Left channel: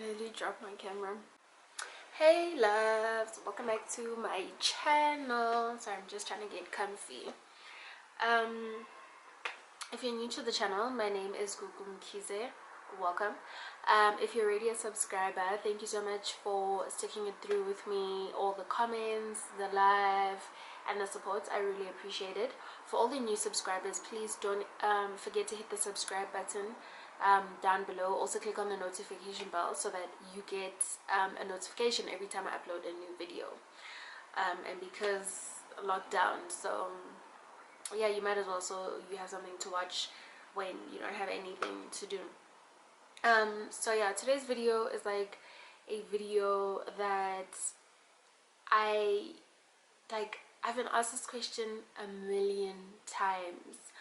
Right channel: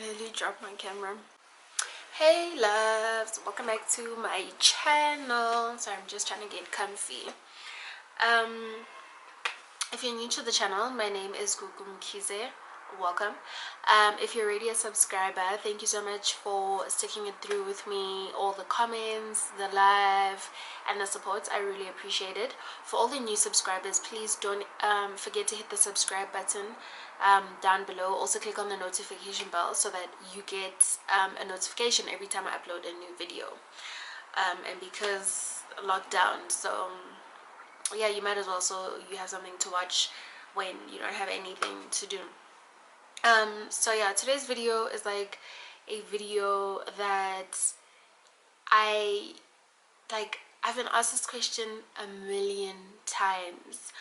nearly dropped my camera. Hey loves, welcome back to my channel. So I'm just trying to get comfy. If you're new to the channel, my name is Gugu Mkize. Welcome. If you're already a subscriber, thank you so much for sticking it through with me. All the comments, the live, and the support, I really appreciate it. For all the new subscribers, please don't forget to hit the subscribe button down below. Also click on the notification bell so that you get a notification every time I upload a new video. And because lockdown, so yeah, you might as well, so you have something to watch when you don't have anything to do. So yeah, today's video is like a video that I've been asked this question a million times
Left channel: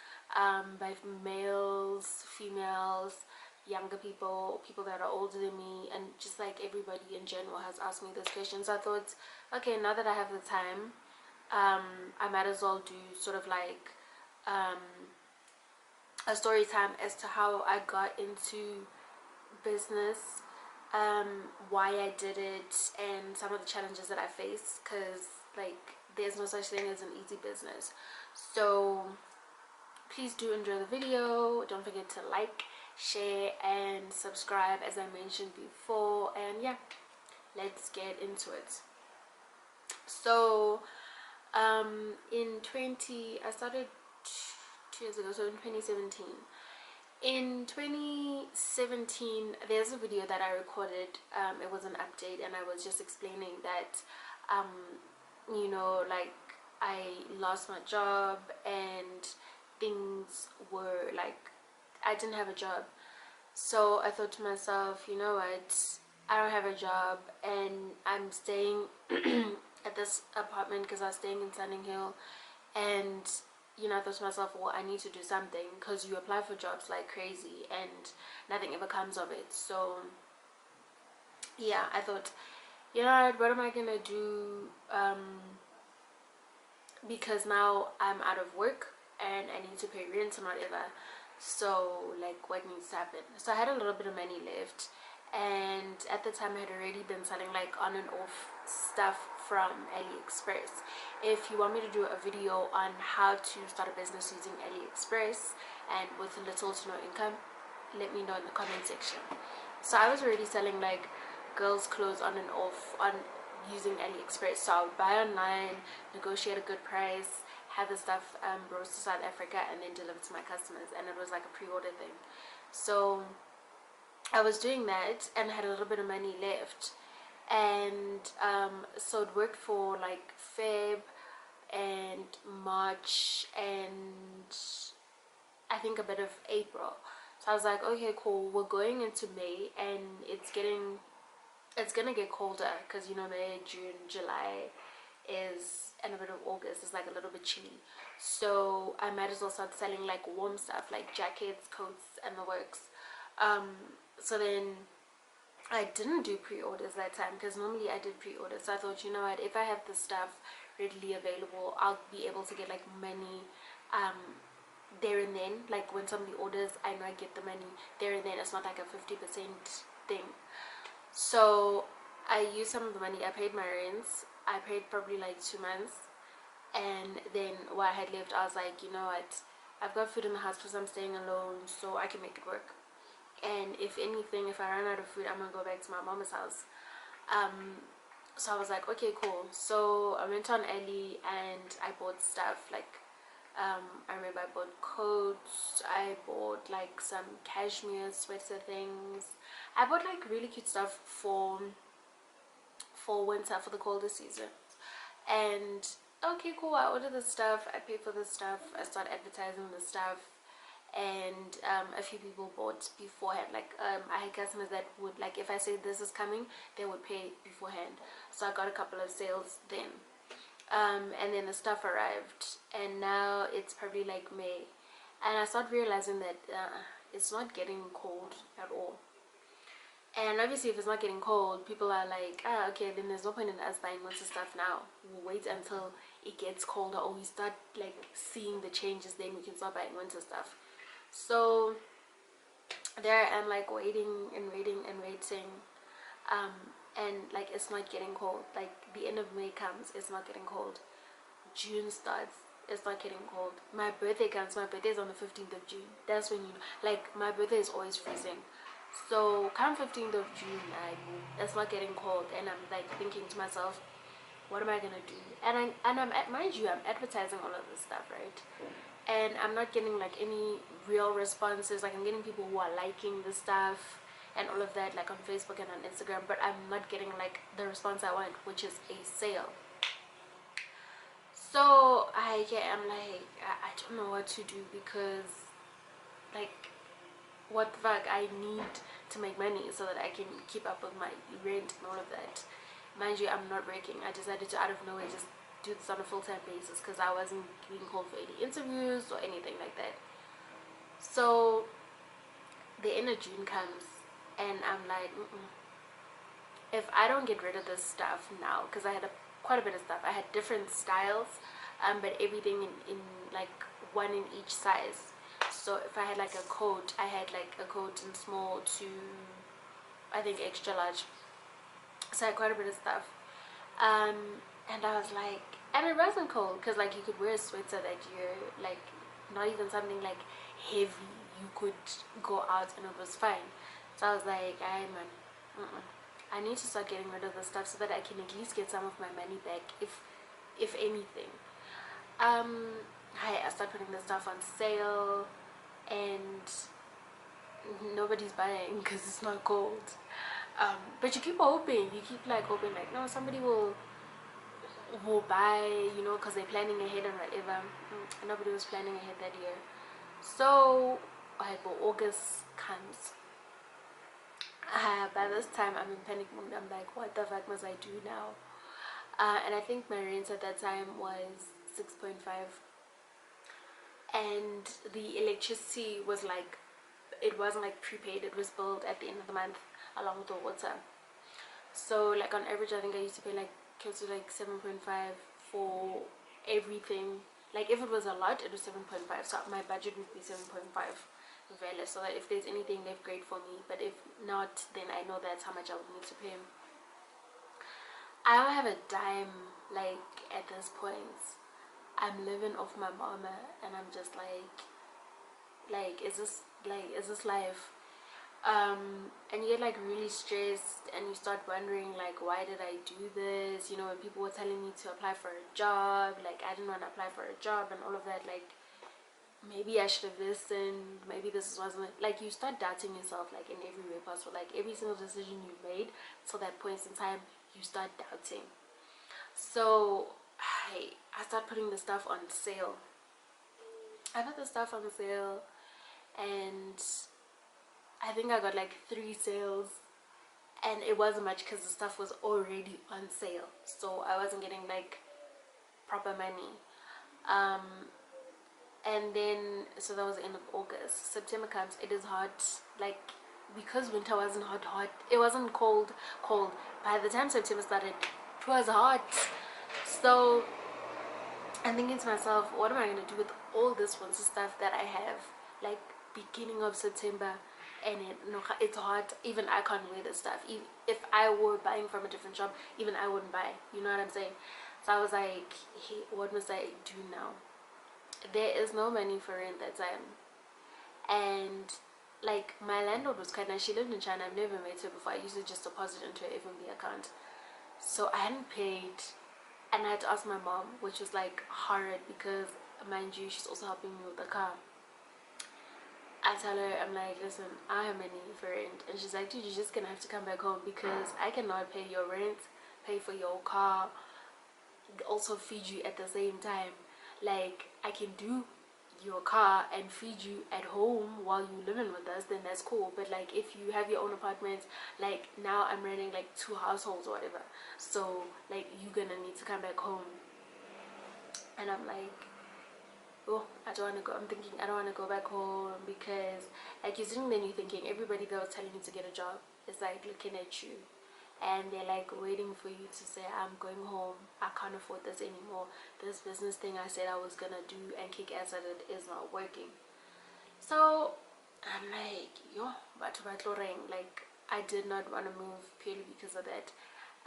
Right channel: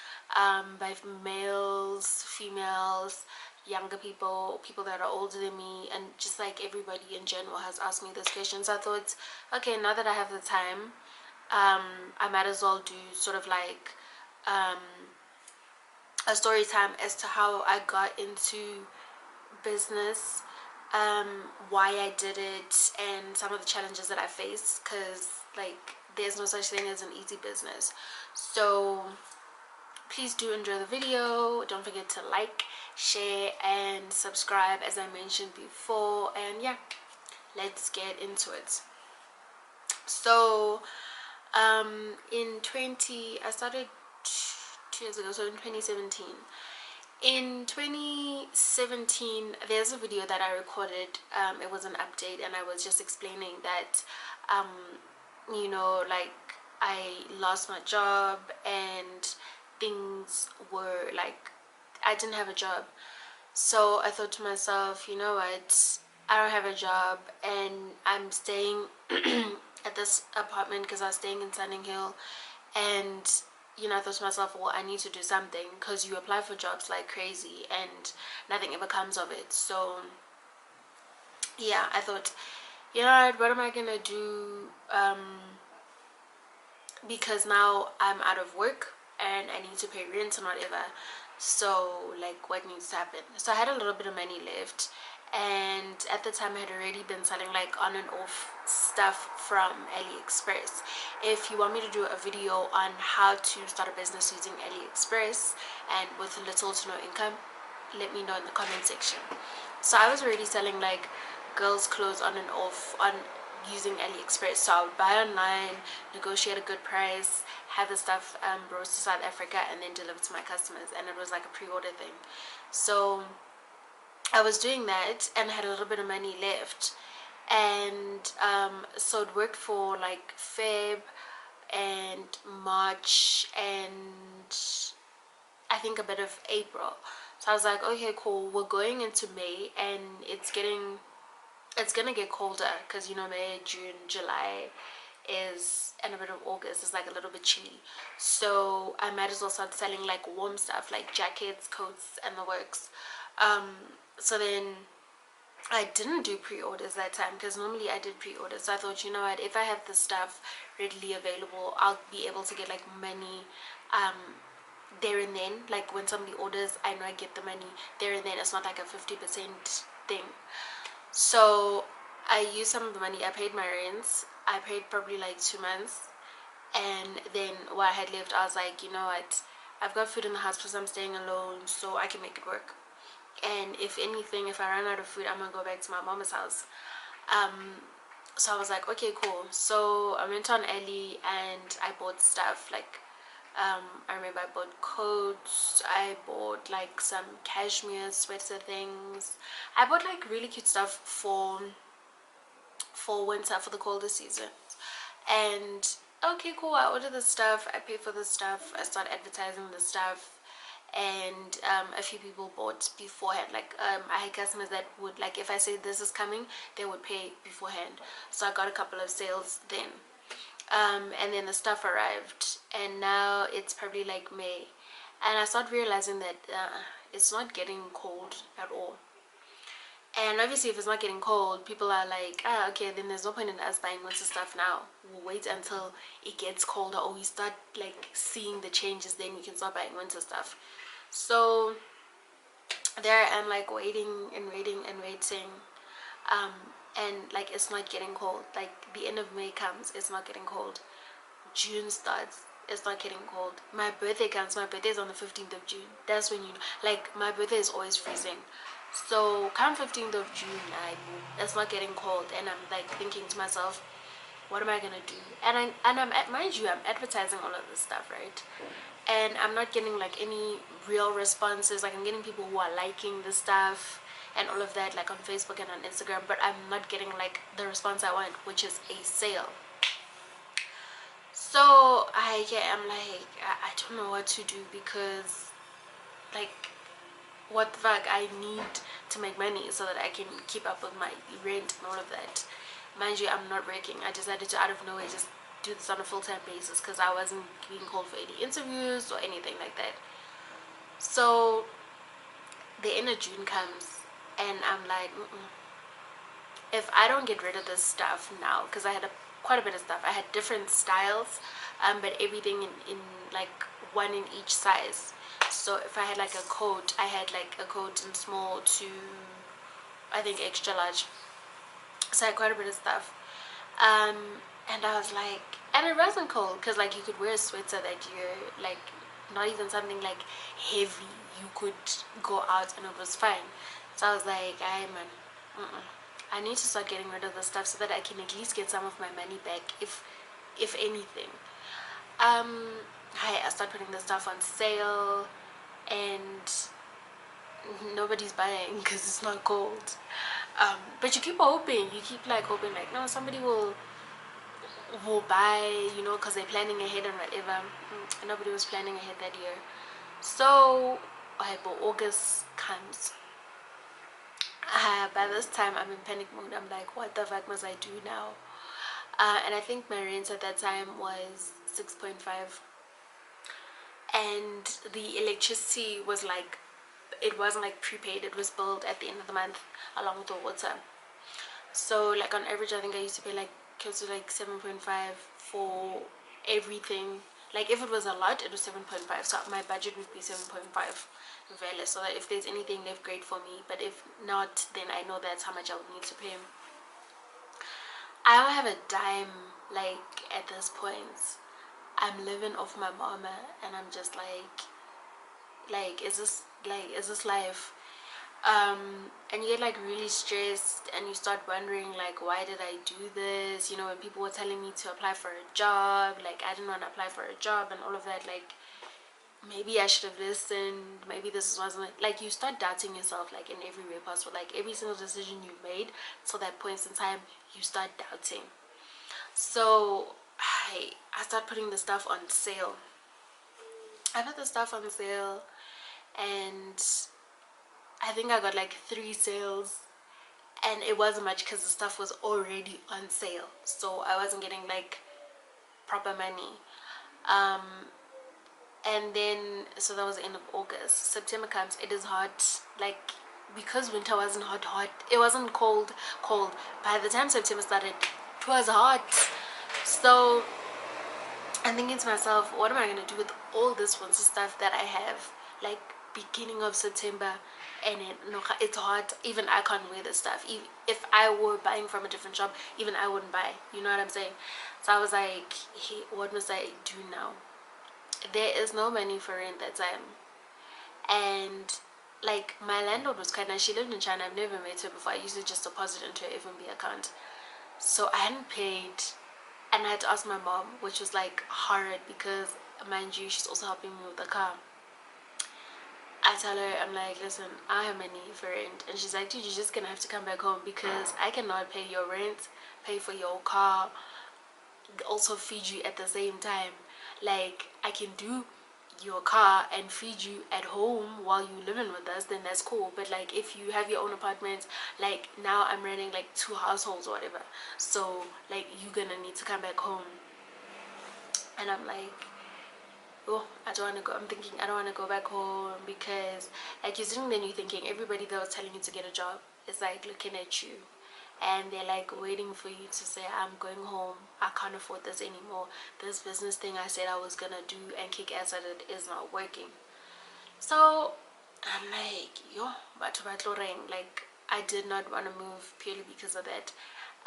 by males, females, younger people, people that are older than me, and just like everybody in general has asked me this question. So I thought, okay, now that I have the time, I might as well do sort of like a story time as to how I got into business, why I did it, and some of the challenges that I faced, because like there's no such thing as an easy business. So please do enjoy the video. Don't forget to like, share, and subscribe as I mentioned before. And yeah, let's get into it. So I started 2 years ago, so in 2017. In 2017, there's a video that I recorded. It was an update, and I was just explaining that you know, like I lost my job and things were like I didn't have a job. So I thought to myself, you know what, I don't have a job and I'm staying at this apartment because I was staying in Sunning Hill. And you know, I thought to myself, well, I need to do something, because you apply for jobs like crazy and nothing ever comes of it. So yeah, I thought, you know what am I gonna do, because now I'm out of work and I need to pay rent and whatever. So like, what needs to happen? So I had a little bit of money left, and at the time I had already been selling like on and off stuff from AliExpress. If you want me to do a video on how to start a business using AliExpress and with little to no income, let me know in the comment section. So I was already selling like girls clothes on and off on using AliExpress. So I would buy online, negotiate a good price, have the stuff brought to South Africa, and then deliver to my customers. And it was like a pre-order thing. So I was doing that and had a little bit of money left, and so it worked for like Feb and March and I think a bit of April. So I was like, okay, cool, we're going into May and it's gonna get colder, because you know, May, June, July is, and a bit of August is like a little bit chilly. So I might as well start selling like warm stuff, like jackets, coats, and the works. So then I didn't do pre-orders that time, because normally I did pre-orders. So I thought, you know what, if I have this stuff readily available, I'll be able to get like money there and then. Like when somebody orders, I know I get the money there and then. It's not like a 50% thing. So I used some of the money. I paid my rents. I paid probably like 2 months, and then what I had left, I was like, you know what, I've got food in the house because I'm staying alone, so I can make it work. And if anything, if I run out of food, I'm gonna go back to my mama's house. So I was like, okay, cool. So I went on Ali and I bought stuff like I remember I bought coats, I bought like some cashmere sweater things. I bought like really cute stuff for winter, for the colder season. And okay, cool, I ordered the stuff, I paid for the stuff, I started advertising the stuff, and a few people bought beforehand. Like I had customers that would, like, if I said this is coming, they would pay beforehand. So I got a couple of sales then. And then the stuff arrived, and now it's probably like May, and I started realizing that it's not getting cold at all. And obviously if it's not getting cold, people are like, okay, then there's no point in us buying winter stuff now. We'll wait until it gets colder, or we start like seeing the changes, then we can start buying winter stuff. So there I am, like waiting and waiting and waiting. and like it's not getting cold. Like the end of May comes, it's not getting cold. June starts, it's not getting cold. My birthday comes, my birthday is on the 15th of June. That's when you know, like my birthday is always freezing. So come 15th of June, it's not getting cold, and I'm like thinking to myself, what am I gonna do? And I'm mind you, I'm advertising all of this stuff, right? And I'm not getting like any real responses. Like I'm getting people who are liking the stuff and all of that, like on Facebook and on Instagram, but I'm not getting like the response I want, which is a sale. So I'm like I don't know what to do, because like what the fuck, I need to make money so that I can keep up with my rent and all of that. Mind you, I'm not working. I decided to out of nowhere just do this on a full-time basis because I wasn't being called for any interviews or anything like that. So the end of June comes and I'm like, if I don't get rid of this stuff now, because I had quite a bit of stuff. I had different styles, but everything in like one in each size. So if I had like a coat, I had like a coat in small to I think extra large. So I had quite a bit of stuff. Um, and I was like, and it wasn't cold because like you could wear a sweater that you're like not even something like heavy. You could go out and it was fine. So I was like, I man, I need to start getting rid of the stuff so that I can at least get some of my money back, if anything. I start putting the stuff on sale, and nobody's buying because it's not cold. But you keep hoping, you keep like hoping, like no, somebody will buy, you know, because they're planning ahead and whatever. Nobody was planning ahead that year. So but August comes. By this time I'm in panic mode. I'm like, what the fuck must I do now? And I think my rent at that time was 6.5, and the electricity was like, it wasn't like prepaid, it was billed at the end of the month along with the water. So like on average I think I used to pay like close to like 7.5 for everything. Like if it was a lot, it was 7.5, so my budget would be 7.5 valid, so that if there's anything left, great for me, but if not, then I know that's how much I would need to pay. I don't have a dime. Like at this point I'm living off my mama, and I'm just like is this life? And you get like really stressed, and you start wondering like, why did I do this? You know, when people were telling me to apply for a job, like I didn't want to apply for a job and all of that, like maybe I should have listened, maybe this wasn't like, you start doubting yourself like in every way possible. Like every single decision you made till that point in time, you start doubting. So I start putting the stuff on sale. I put the stuff on sale, and I think I got like 3 sales, and it wasn't much because the stuff was already on sale, so I wasn't getting like proper money. And then so that was the end of August. September comes, it is hot, like because winter wasn't hot, it wasn't cold. By the time September started, it was hot. So I'm thinking to myself, what am I gonna do with all this winter stuff that I have? Like beginning of September, and it's hot. Even I can't wear this stuff. If I were buying from a different shop, even I wouldn't buy. You know what I'm saying? So I was like, hey, what must I do now? There is no money for rent that time, and like my landlord was quite nice. She lived in China. I've never met her before. I used to just deposit into her FNB account, so I hadn't paid. And I had to ask my mom, which was like hard because, mind you, she's also helping me with the car. I tell her, I'm like, listen, I have money for rent. And she's like, dude, you're just gonna have to come back home because I cannot pay your rent, pay for your car, also feed you at the same time. Like, I can do your car and feed you at home while you living with us, then that's cool. But like if you have your own apartment, like now I'm running like 2 households or whatever, so like you're gonna need to come back home. And I'm like, oh, I don't want to go. I'm thinking I don't want to go back home because like you're sitting there and you're thinking everybody that was telling you to get a job is like looking at you, and they're like waiting for you to say, I'm going home, I can't afford this anymore, this business thing I said I was gonna do and kick ass at it is not working. So I'm like, yo, but like I did not want to move purely because of that.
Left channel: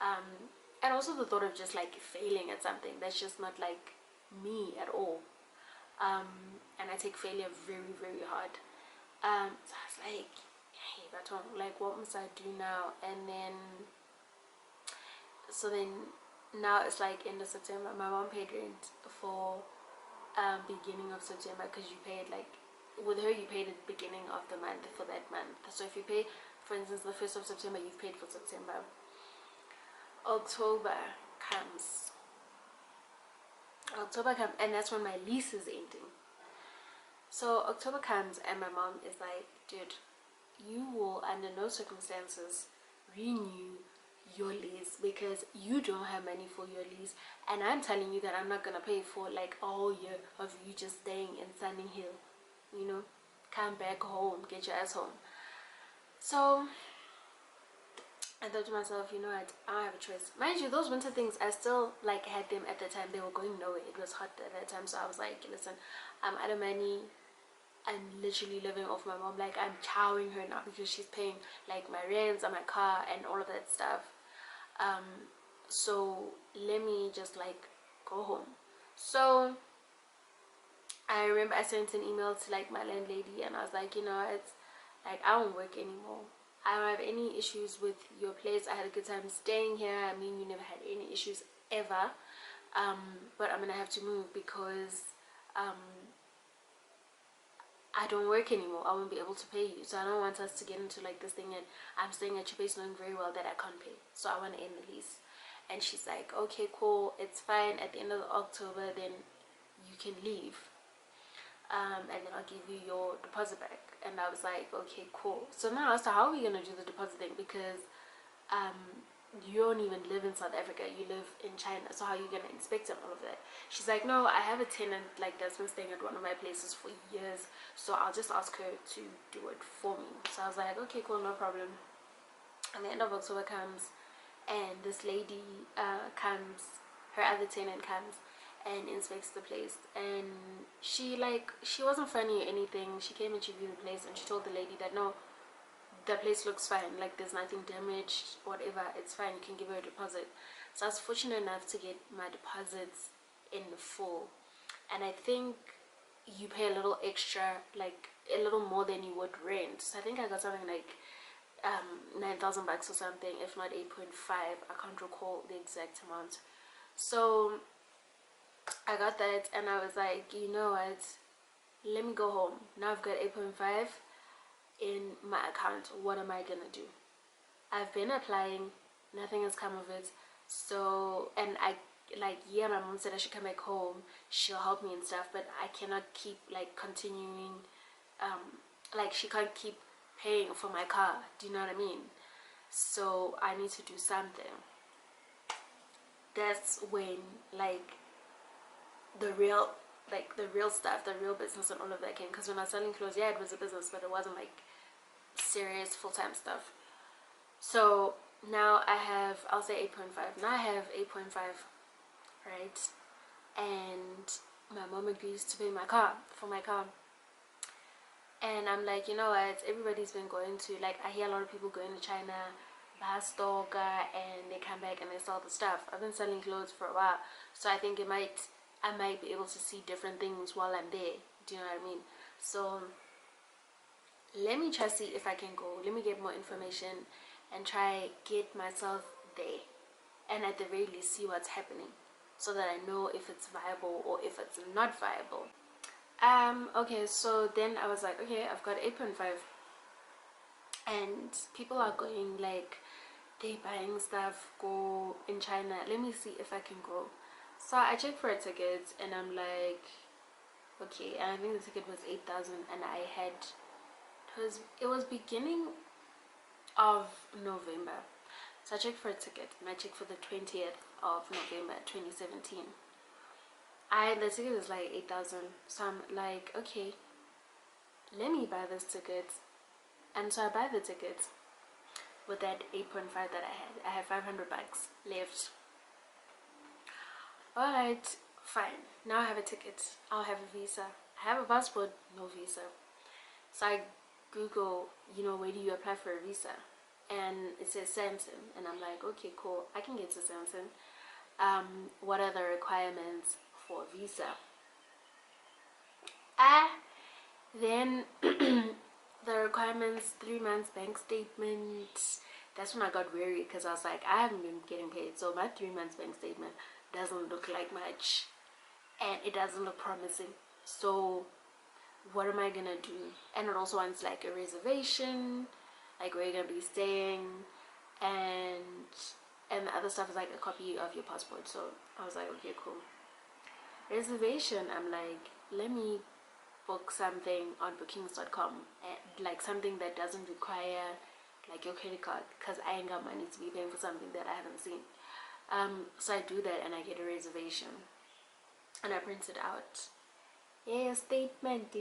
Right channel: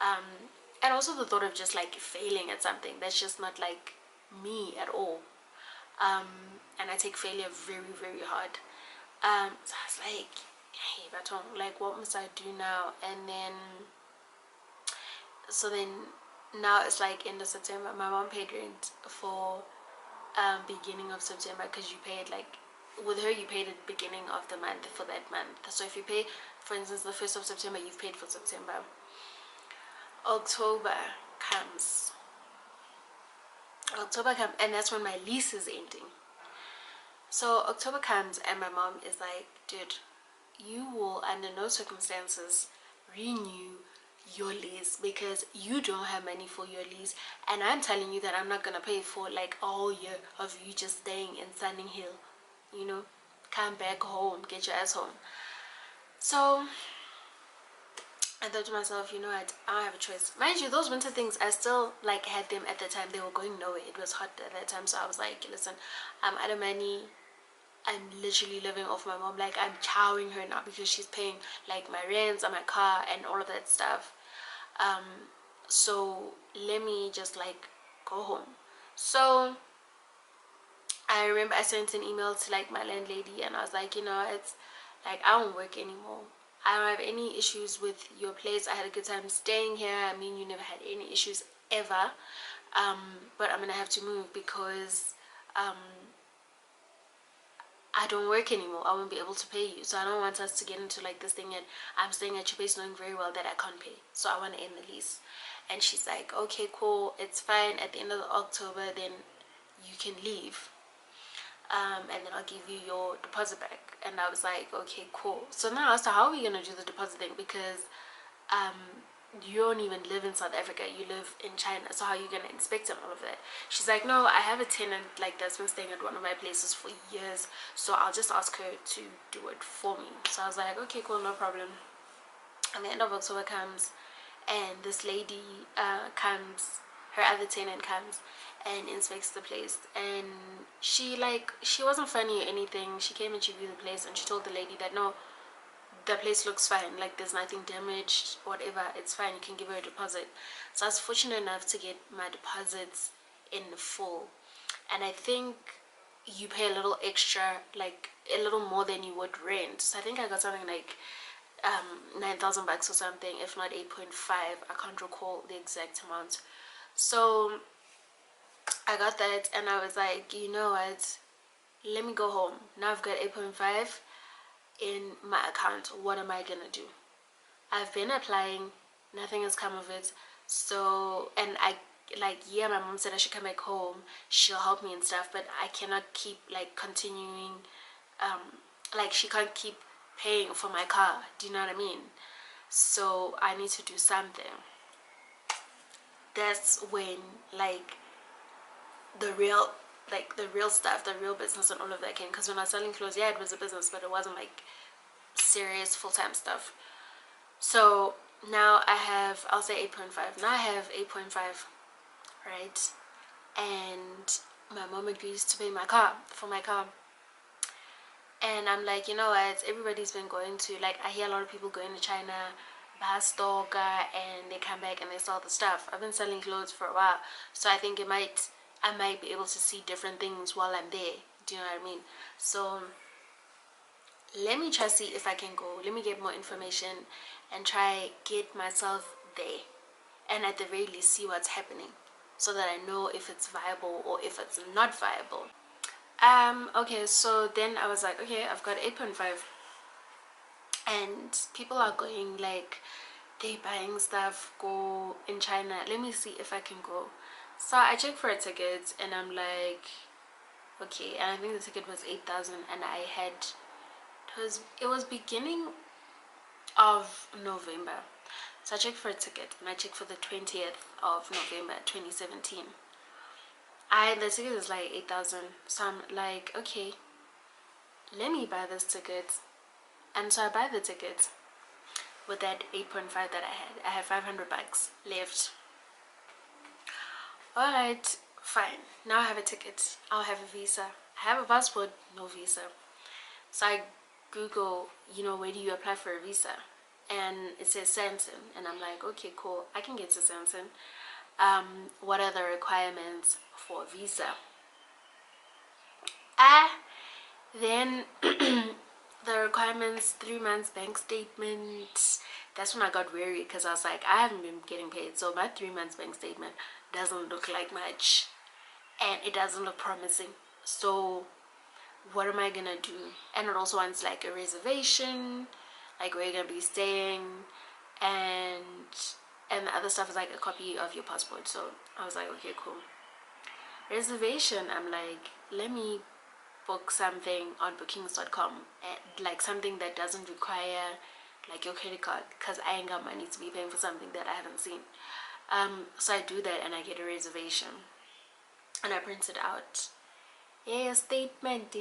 um, and also the thought of just like failing at something that's just not like me at all. And I take failure very, very hard. So I was like, hey baton, like what must I do now? And then so then now it's like end of September. My mom paid rent for beginning of September, because you paid like, with her you paid at the beginning of the month for that month. So if you pay, for instance, the 1st of September, you've paid for September. October comes. October comes, and that's when my lease is ending. So October comes, and my mom is like, dude, you will under no circumstances renew your lease because you don't have money for your lease, and I'm telling you that I'm not gonna pay for like a whole year of you just staying in Sunning Hill. You know, come back home, get your ass home. So I thought to myself, you know what, I don't have a choice. Mind you, those winter things, I still like had them at the time. They were going nowhere. It was hot at that time, so I was like, listen, I'm out of money. I'm literally living off my mom. Like, I'm chowing her now because she's paying like my rents and my car and all of that stuff. So let me just like go home. So I remember I sent an email to like my landlady, and I was like, you know, it's like I don't work anymore. I don't have any issues with your place. I had a good time staying here. I mean, you never had any issues ever. But I'm gonna have to move because I don't work anymore. I won't be able to pay you. So I don't want us to get into like this thing and I'm staying at your place knowing very well that I can't pay. So I want to end the lease. And she's like, okay, cool, it's fine. At the end of October, then you can leave. And then I'll give you your deposit back. And I was like, okay, cool. So now I was like, how are we gonna do the deposit thing? Because you don't even live in South Africa, you live in China, so how are you gonna inspect and all of that? She's like, no, I have a tenant like that's been staying at one of my places for years, so I'll just ask her to do it for me. So I was like, okay, cool, no problem. And the end of October comes, and this lady comes, her other tenant comes and inspects the place, and she wasn't funny or anything. She came and she viewed the place, and she told the lady that no, the place looks fine, like there's nothing damaged, whatever, it's fine, you can give her a deposit. So I was fortunate enough to get my deposits in full, and I think you pay a little extra, like a little more than you would rent. So I think I got something like 9,000 bucks or something, if not 8.5. I can't recall the exact amount. So I got that, and I was like, you know what, let me go home. Now I've got 8.5 in my account. What am I gonna do? I've been applying, nothing has come of it. So, and I like, yeah, my mom said I should come back home, she'll help me and stuff, but I cannot keep like continuing, like she can't keep paying for my car, do you know what I mean? So I need to do something. That's when like the real, like the real stuff, the real business and all of that came. Because when I was selling clothes, yeah, it was a business, but it wasn't like serious full-time stuff. So now I have, I'll say 8.5. Now I have 8.5, right? And my mom agrees to pay my car, for my car. And I'm like, you know what, everybody's been going to, like, I hear a lot of people going to China, buy stock, and they come back and they sell the stuff. I've been selling clothes for a while, so I think I might be able to see different things while I'm there. Do you know what I mean? So let me try see if I can go. Let me get more information and try get myself there, and at the very least see what's happening, so that I know if it's viable or if it's not viable. Okay, so then I was like, okay, I've got 8.5, and people are going, like, they buying stuff, go in China. Let me see if I can go. So I checked for a ticket, and I'm like, okay, and I think the ticket was 8,000, and I had, it was beginning of November. So I checked for a ticket, and I checked for the 20th of November 2017. The ticket is like 8,000, so I'm like, okay, let me buy this ticket. And so I buy the ticket with that 8.5 that I had. I have 500 bucks left. Alright, fine, now I have a ticket, I'll have a visa. I have a passport, no visa. So I Google, you know, where do you apply for a visa? and it says Samson, and I'm like, okay, cool, I can get to Samson. What are the requirements for a visa? Then the requirements, 3 months bank statement. That's when I got worried, because I was like, I haven't been getting paid, so my 3 months bank statement doesn't look like much, and it doesn't look promising. So what am I gonna do? And it also wants like a reservation, like where you're gonna be staying, and the other stuff is like a copy of your passport. So I was like, okay, cool. Reservation, I'm like, let me book something on bookings.com, and like something that doesn't require like your credit card, because I ain't got money to be paying for something that I haven't seen. So I do that, and I get a reservation, and I print it out. Yeah, statement.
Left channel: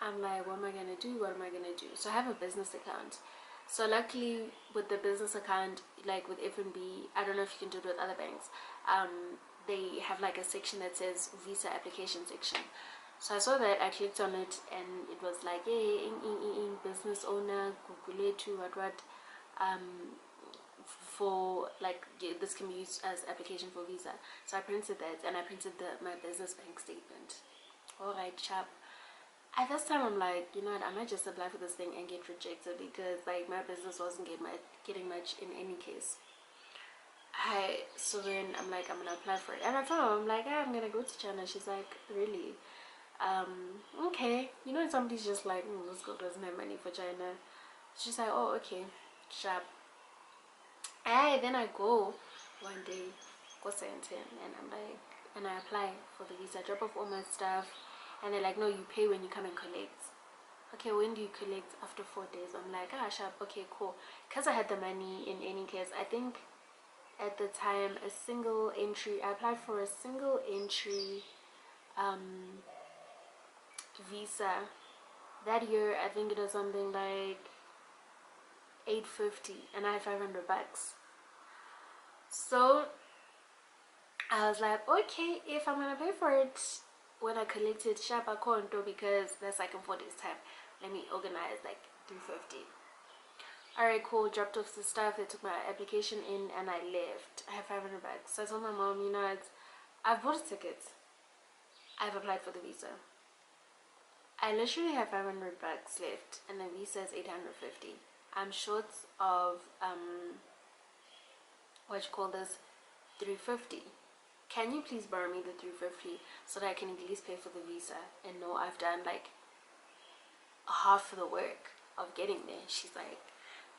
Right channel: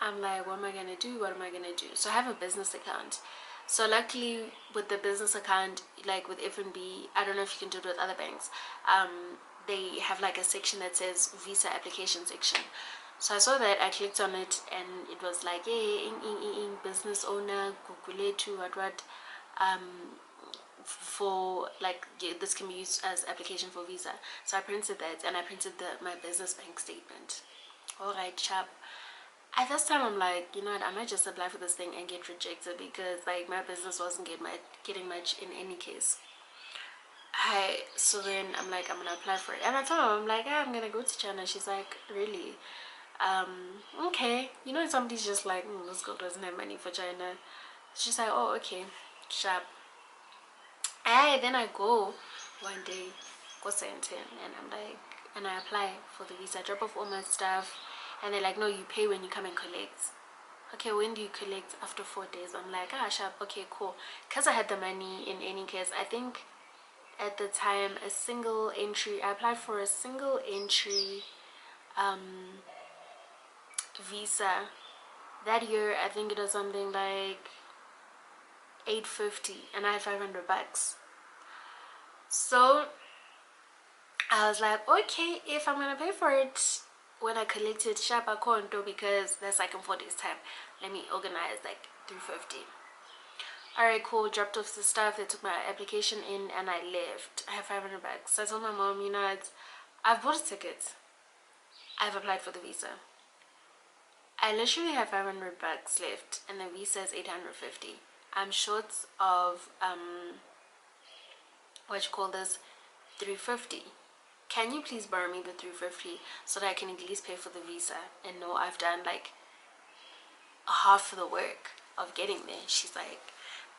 I'm like, what am I gonna do? What am I gonna do? So I have a business account. So luckily, with the business account, like with FNB, I don't know if you can do it with other banks. They have like a section that says visa application section. So I saw that, I clicked on it, and it was like, hey, business owner, Google to what, for like, yeah, this can be used as application for visa. So I printed that, and I printed my business bank statement. All right, chap. At this time, I'm like, you know what, I might just apply for this thing and get rejected, because like my business wasn't getting much in any case. So then I'm like, I'm gonna apply for it, and I told her, I'm like, I'm gonna go to China. She's like, really? Okay. You know, somebody's just like, this girl doesn't have money for China. She's like, oh, okay, sharp. Then I go one day, go Santin, and I'm like, and I apply for the visa, drop off all my stuff, and they're like, no, you pay when you come and collect. Okay, when do you collect? After 4 days. I'm like, sharp, okay, cool. Because I had the money in any case. I think at the time, I applied for a single entry visa. That year, I think it was something like 850, and I had $500. So I was like, okay, if I'm gonna pay for it when I collected sharp account, because that's like in 4 days time, let me organize like 350. All right, cool. Dropped off the stuff, they took my application in, and I left. I have $500. So I told my mom, you know, I've bought a ticket, I've applied for the visa, I literally have $500 left, and the visa is 850. I'm short of what you call this, 350. Can you please borrow me the 350 so that I can at least pay for the visa and know I've done like half of the work of getting there? She's like,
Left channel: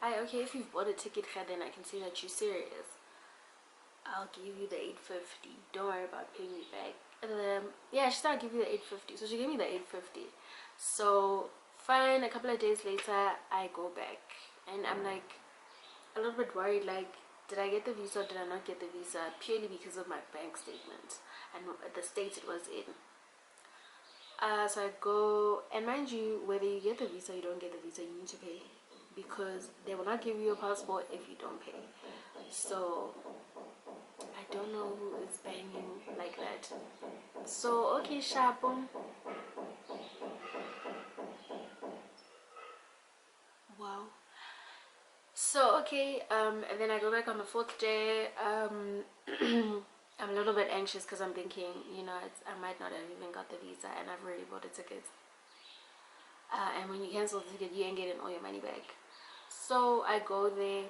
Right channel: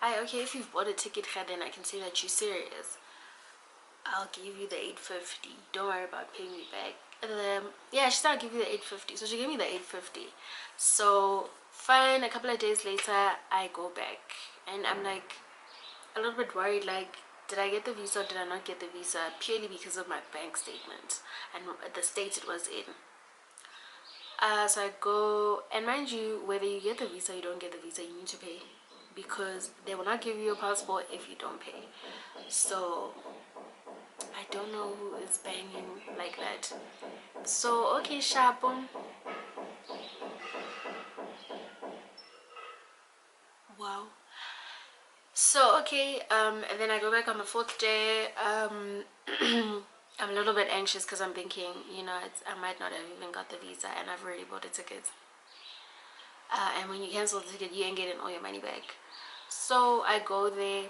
okay, if you've bought a ticket, then I can see that you're serious. I'll give you the 850. Don't worry about paying me back. And then, yeah, she said I'll give you the 850. So she gave me the 850. So fine, a couple of days later, I go back, and I'm like a little bit worried, like, did I get the visa or did I not get the visa, purely because of my bank statement and the state it was in. So I go, and mind you, whether you get the visa or you don't get the visa, you need to pay, because they will not give you a passport if you don't pay. So I don't know who is banging like that. So okay, sharp. Wow. So okay, and then I go back on the 4th day. I'm a little bit anxious, because I'm thinking, you know, I might not have even got the visa, and I've already bought a ticket. And when you cancel the ticket, you ain't getting all your money back. So I go there,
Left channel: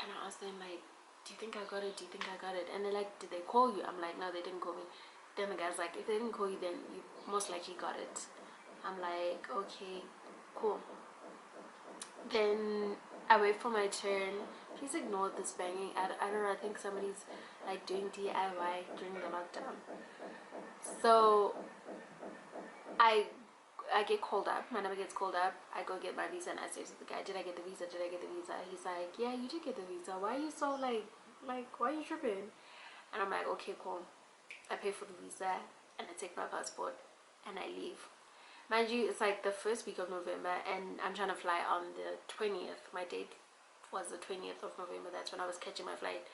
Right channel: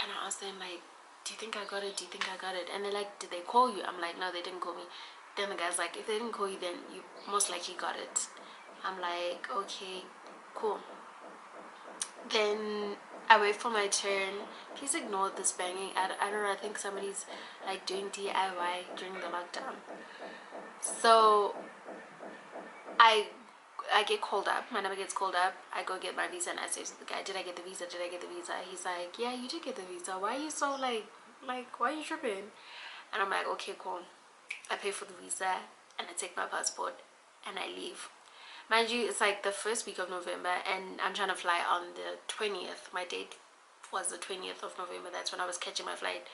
and I ask them, like, do you think I got it? Do you think I got it? And they're like, did they call you? I'm like, no, they didn't call me. Then the guy's like, if they didn't call you, then you most likely got it. I'm like, okay, cool. Then I wait for my turn. Please ignore this banging. I don't know, I think somebody's like doing DIY during the lockdown. So I get called up. My number gets called up. I go get my visa, and I say to the guy, did I get the visa? Did I get the visa? He's like, yeah, you did get the visa. Why are you so like why are you tripping? And I'm like, okay, cool. I pay for the visa, and I take my passport, and I leave. Mind you, it's like the first week of November, and I'm trying to fly on the 20th. My date was the 20th of November. That's when I was catching my flight,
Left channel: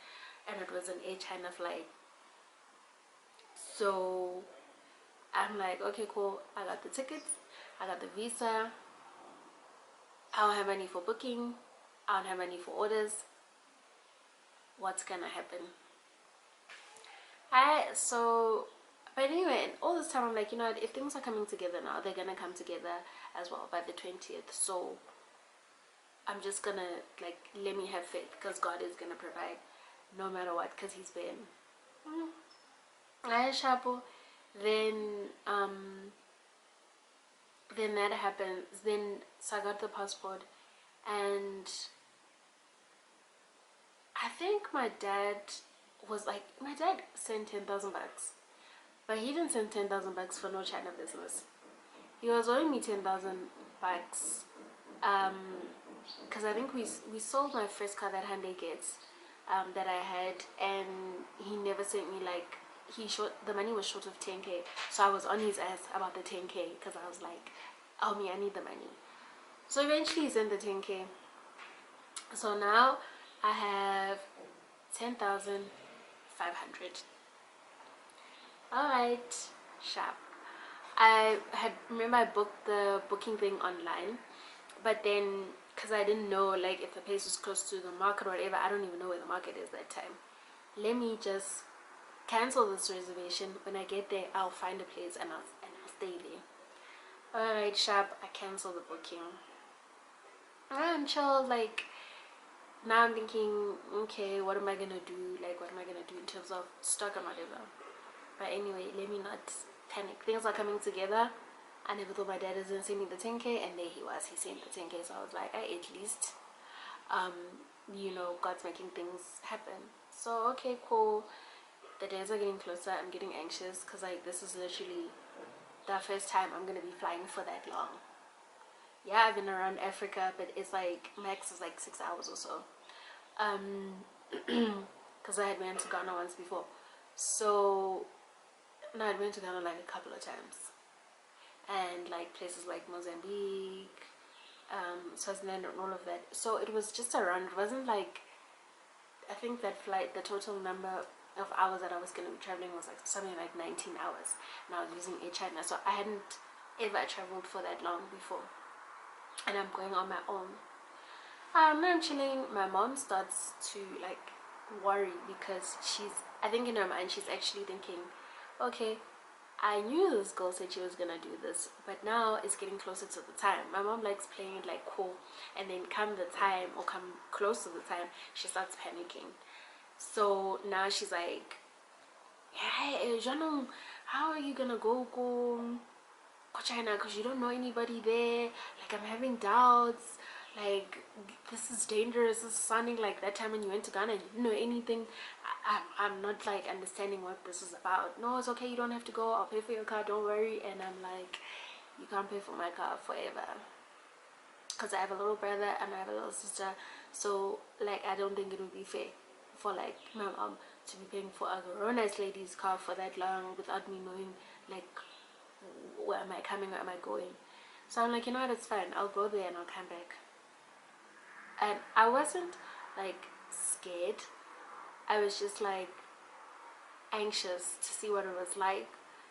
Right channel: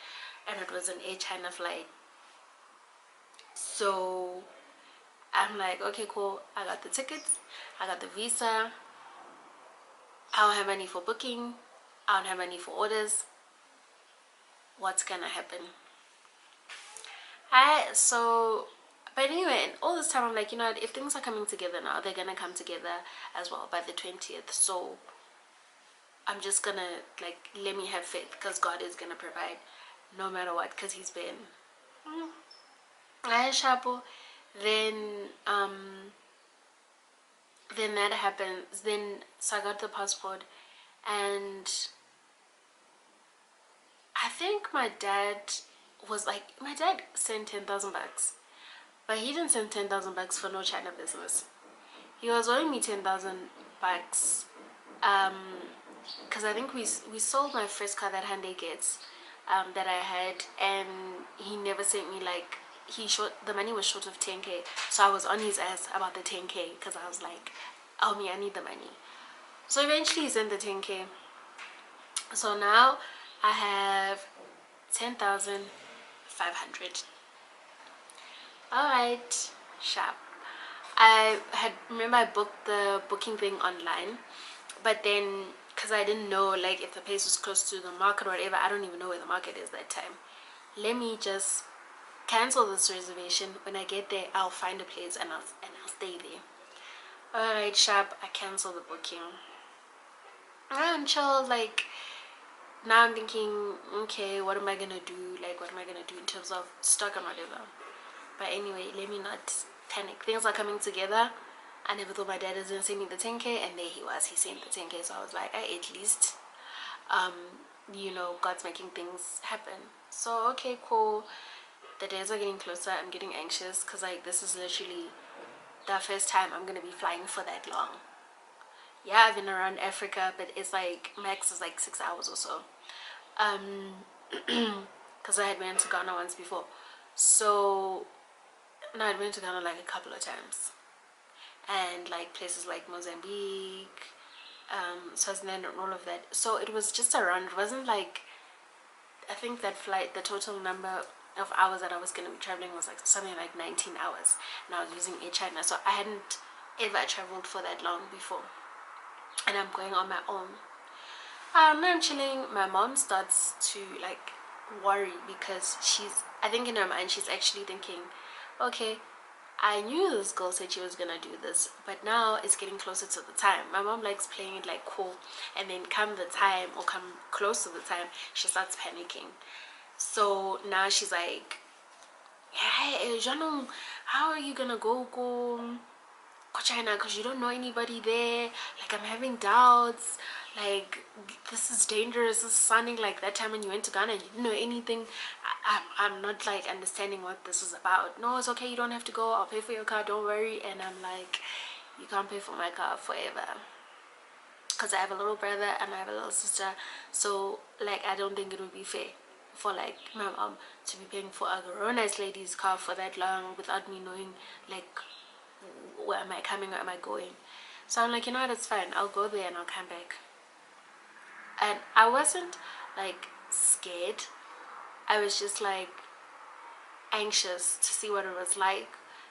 and it was an Air China flight. So I'm like, okay, cool. I got the tickets, I got the visa, I don't have money for booking. I don't have money for orders. What's gonna happen? But anyway, and all this time I'm like, you know what, if things are coming together now, they're gonna come together as well by the 20th. So I'm just gonna, like, let me have faith, because God is gonna provide no matter what, because he's been I shapo. Then then that happens. Then so I got the passport, and I think my dad sent 10,000 bucks, but he didn't send 10,000 bucks for no China business. He was owing me 10,000 bucks, because I think we sold my first car that Hyundai gets, that I had, and he never sent me, like, the money was short of 10k, so I was on his ass about the 10k, because I was like, oh me, I need the money. So eventually he sent the 10k. So now I have 10,500. All right, sharp. Remember I booked the booking thing online, but then because I didn't know, like, if the place was close to the market or whatever. I don't even know where the market is that time. Let me just cancel this reservation. When I get there, I'll find a place, and I'll stay there. All right, sharp. I cancel the booking. I'm chill. Like, now I'm thinking, okay, what am I gonna do? Like, what am I gonna do in terms of stock and whatever? But anyway, let me not panic. Things are coming together. I never thought my dad was gonna send me the 10k, and there he was. He sent the 10k, so I was like, at least, God's making things happen. So okay, cool. The days are getting closer. I'm getting anxious, because, like, this is literally the first time I'm gonna be flying for that long. Yeah, I've been around Africa, but it's like max is like 6 hours or so. Because I had been to Ghana once before. So no, I'd been to Ghana like a couple of times, and like places like Mozambique, Swaziland, and all of that. So it was just around. It wasn't like, I think that flight, the total number of hours that I was going to be traveling was like something like 19 hours, and I was using Air China. So I hadn't ever traveled for that long before, and I'm going on my own. I'm chilling. My mom starts to, like, worry, because I think in her mind she's actually thinking, okay, I knew this girl said she was gonna do this, but now it's getting closer to the time. My mom likes playing it like cool, and then come the time, or come close to the time, she starts panicking. So now she's like, hey, Janong, how are you gonna go China, because you don't know anybody there? Like, I'm having doubts. Like, this is dangerous. This is sounding like that time when you went to Ghana and you didn't know anything. I'm not, like, understanding what this is about. No, it's okay, you don't have to go. I'll pay for your car, don't worry. And I'm like, you can't pay for my car forever, because I have a little brother and I have a little sister. So, like, I don't think it would be fair for, like, my mom to be paying for a grown-ass lady's car for that long without me knowing, like, where am I coming, where am I going. So I'm like, you know what, it's fine, I'll go there and I'll come back. And I wasn't, like, scared. I was just, like, anxious to see what it was like,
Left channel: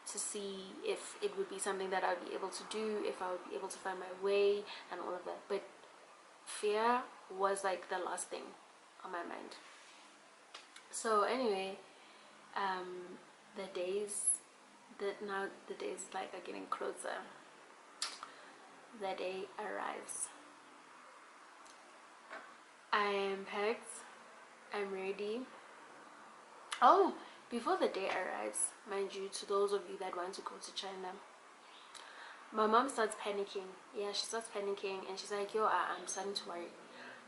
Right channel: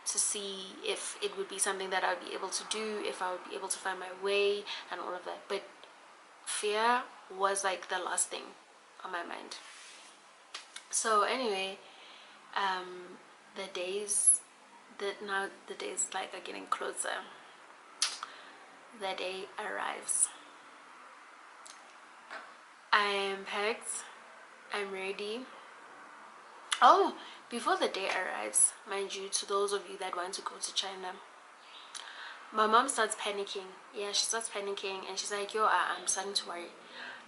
to see if it would be something that I would be able to do, if I would be able to find my way, and all of that. But fear was, like, the last thing on my mind. So anyway, the days like are getting closer. The day arrives. I am packed. I'm ready. Oh, before the day arrives, mind you, to those of you that want to go to China, my mom starts panicking. Yeah, she starts panicking, and she's like, yo, I'm starting to worry.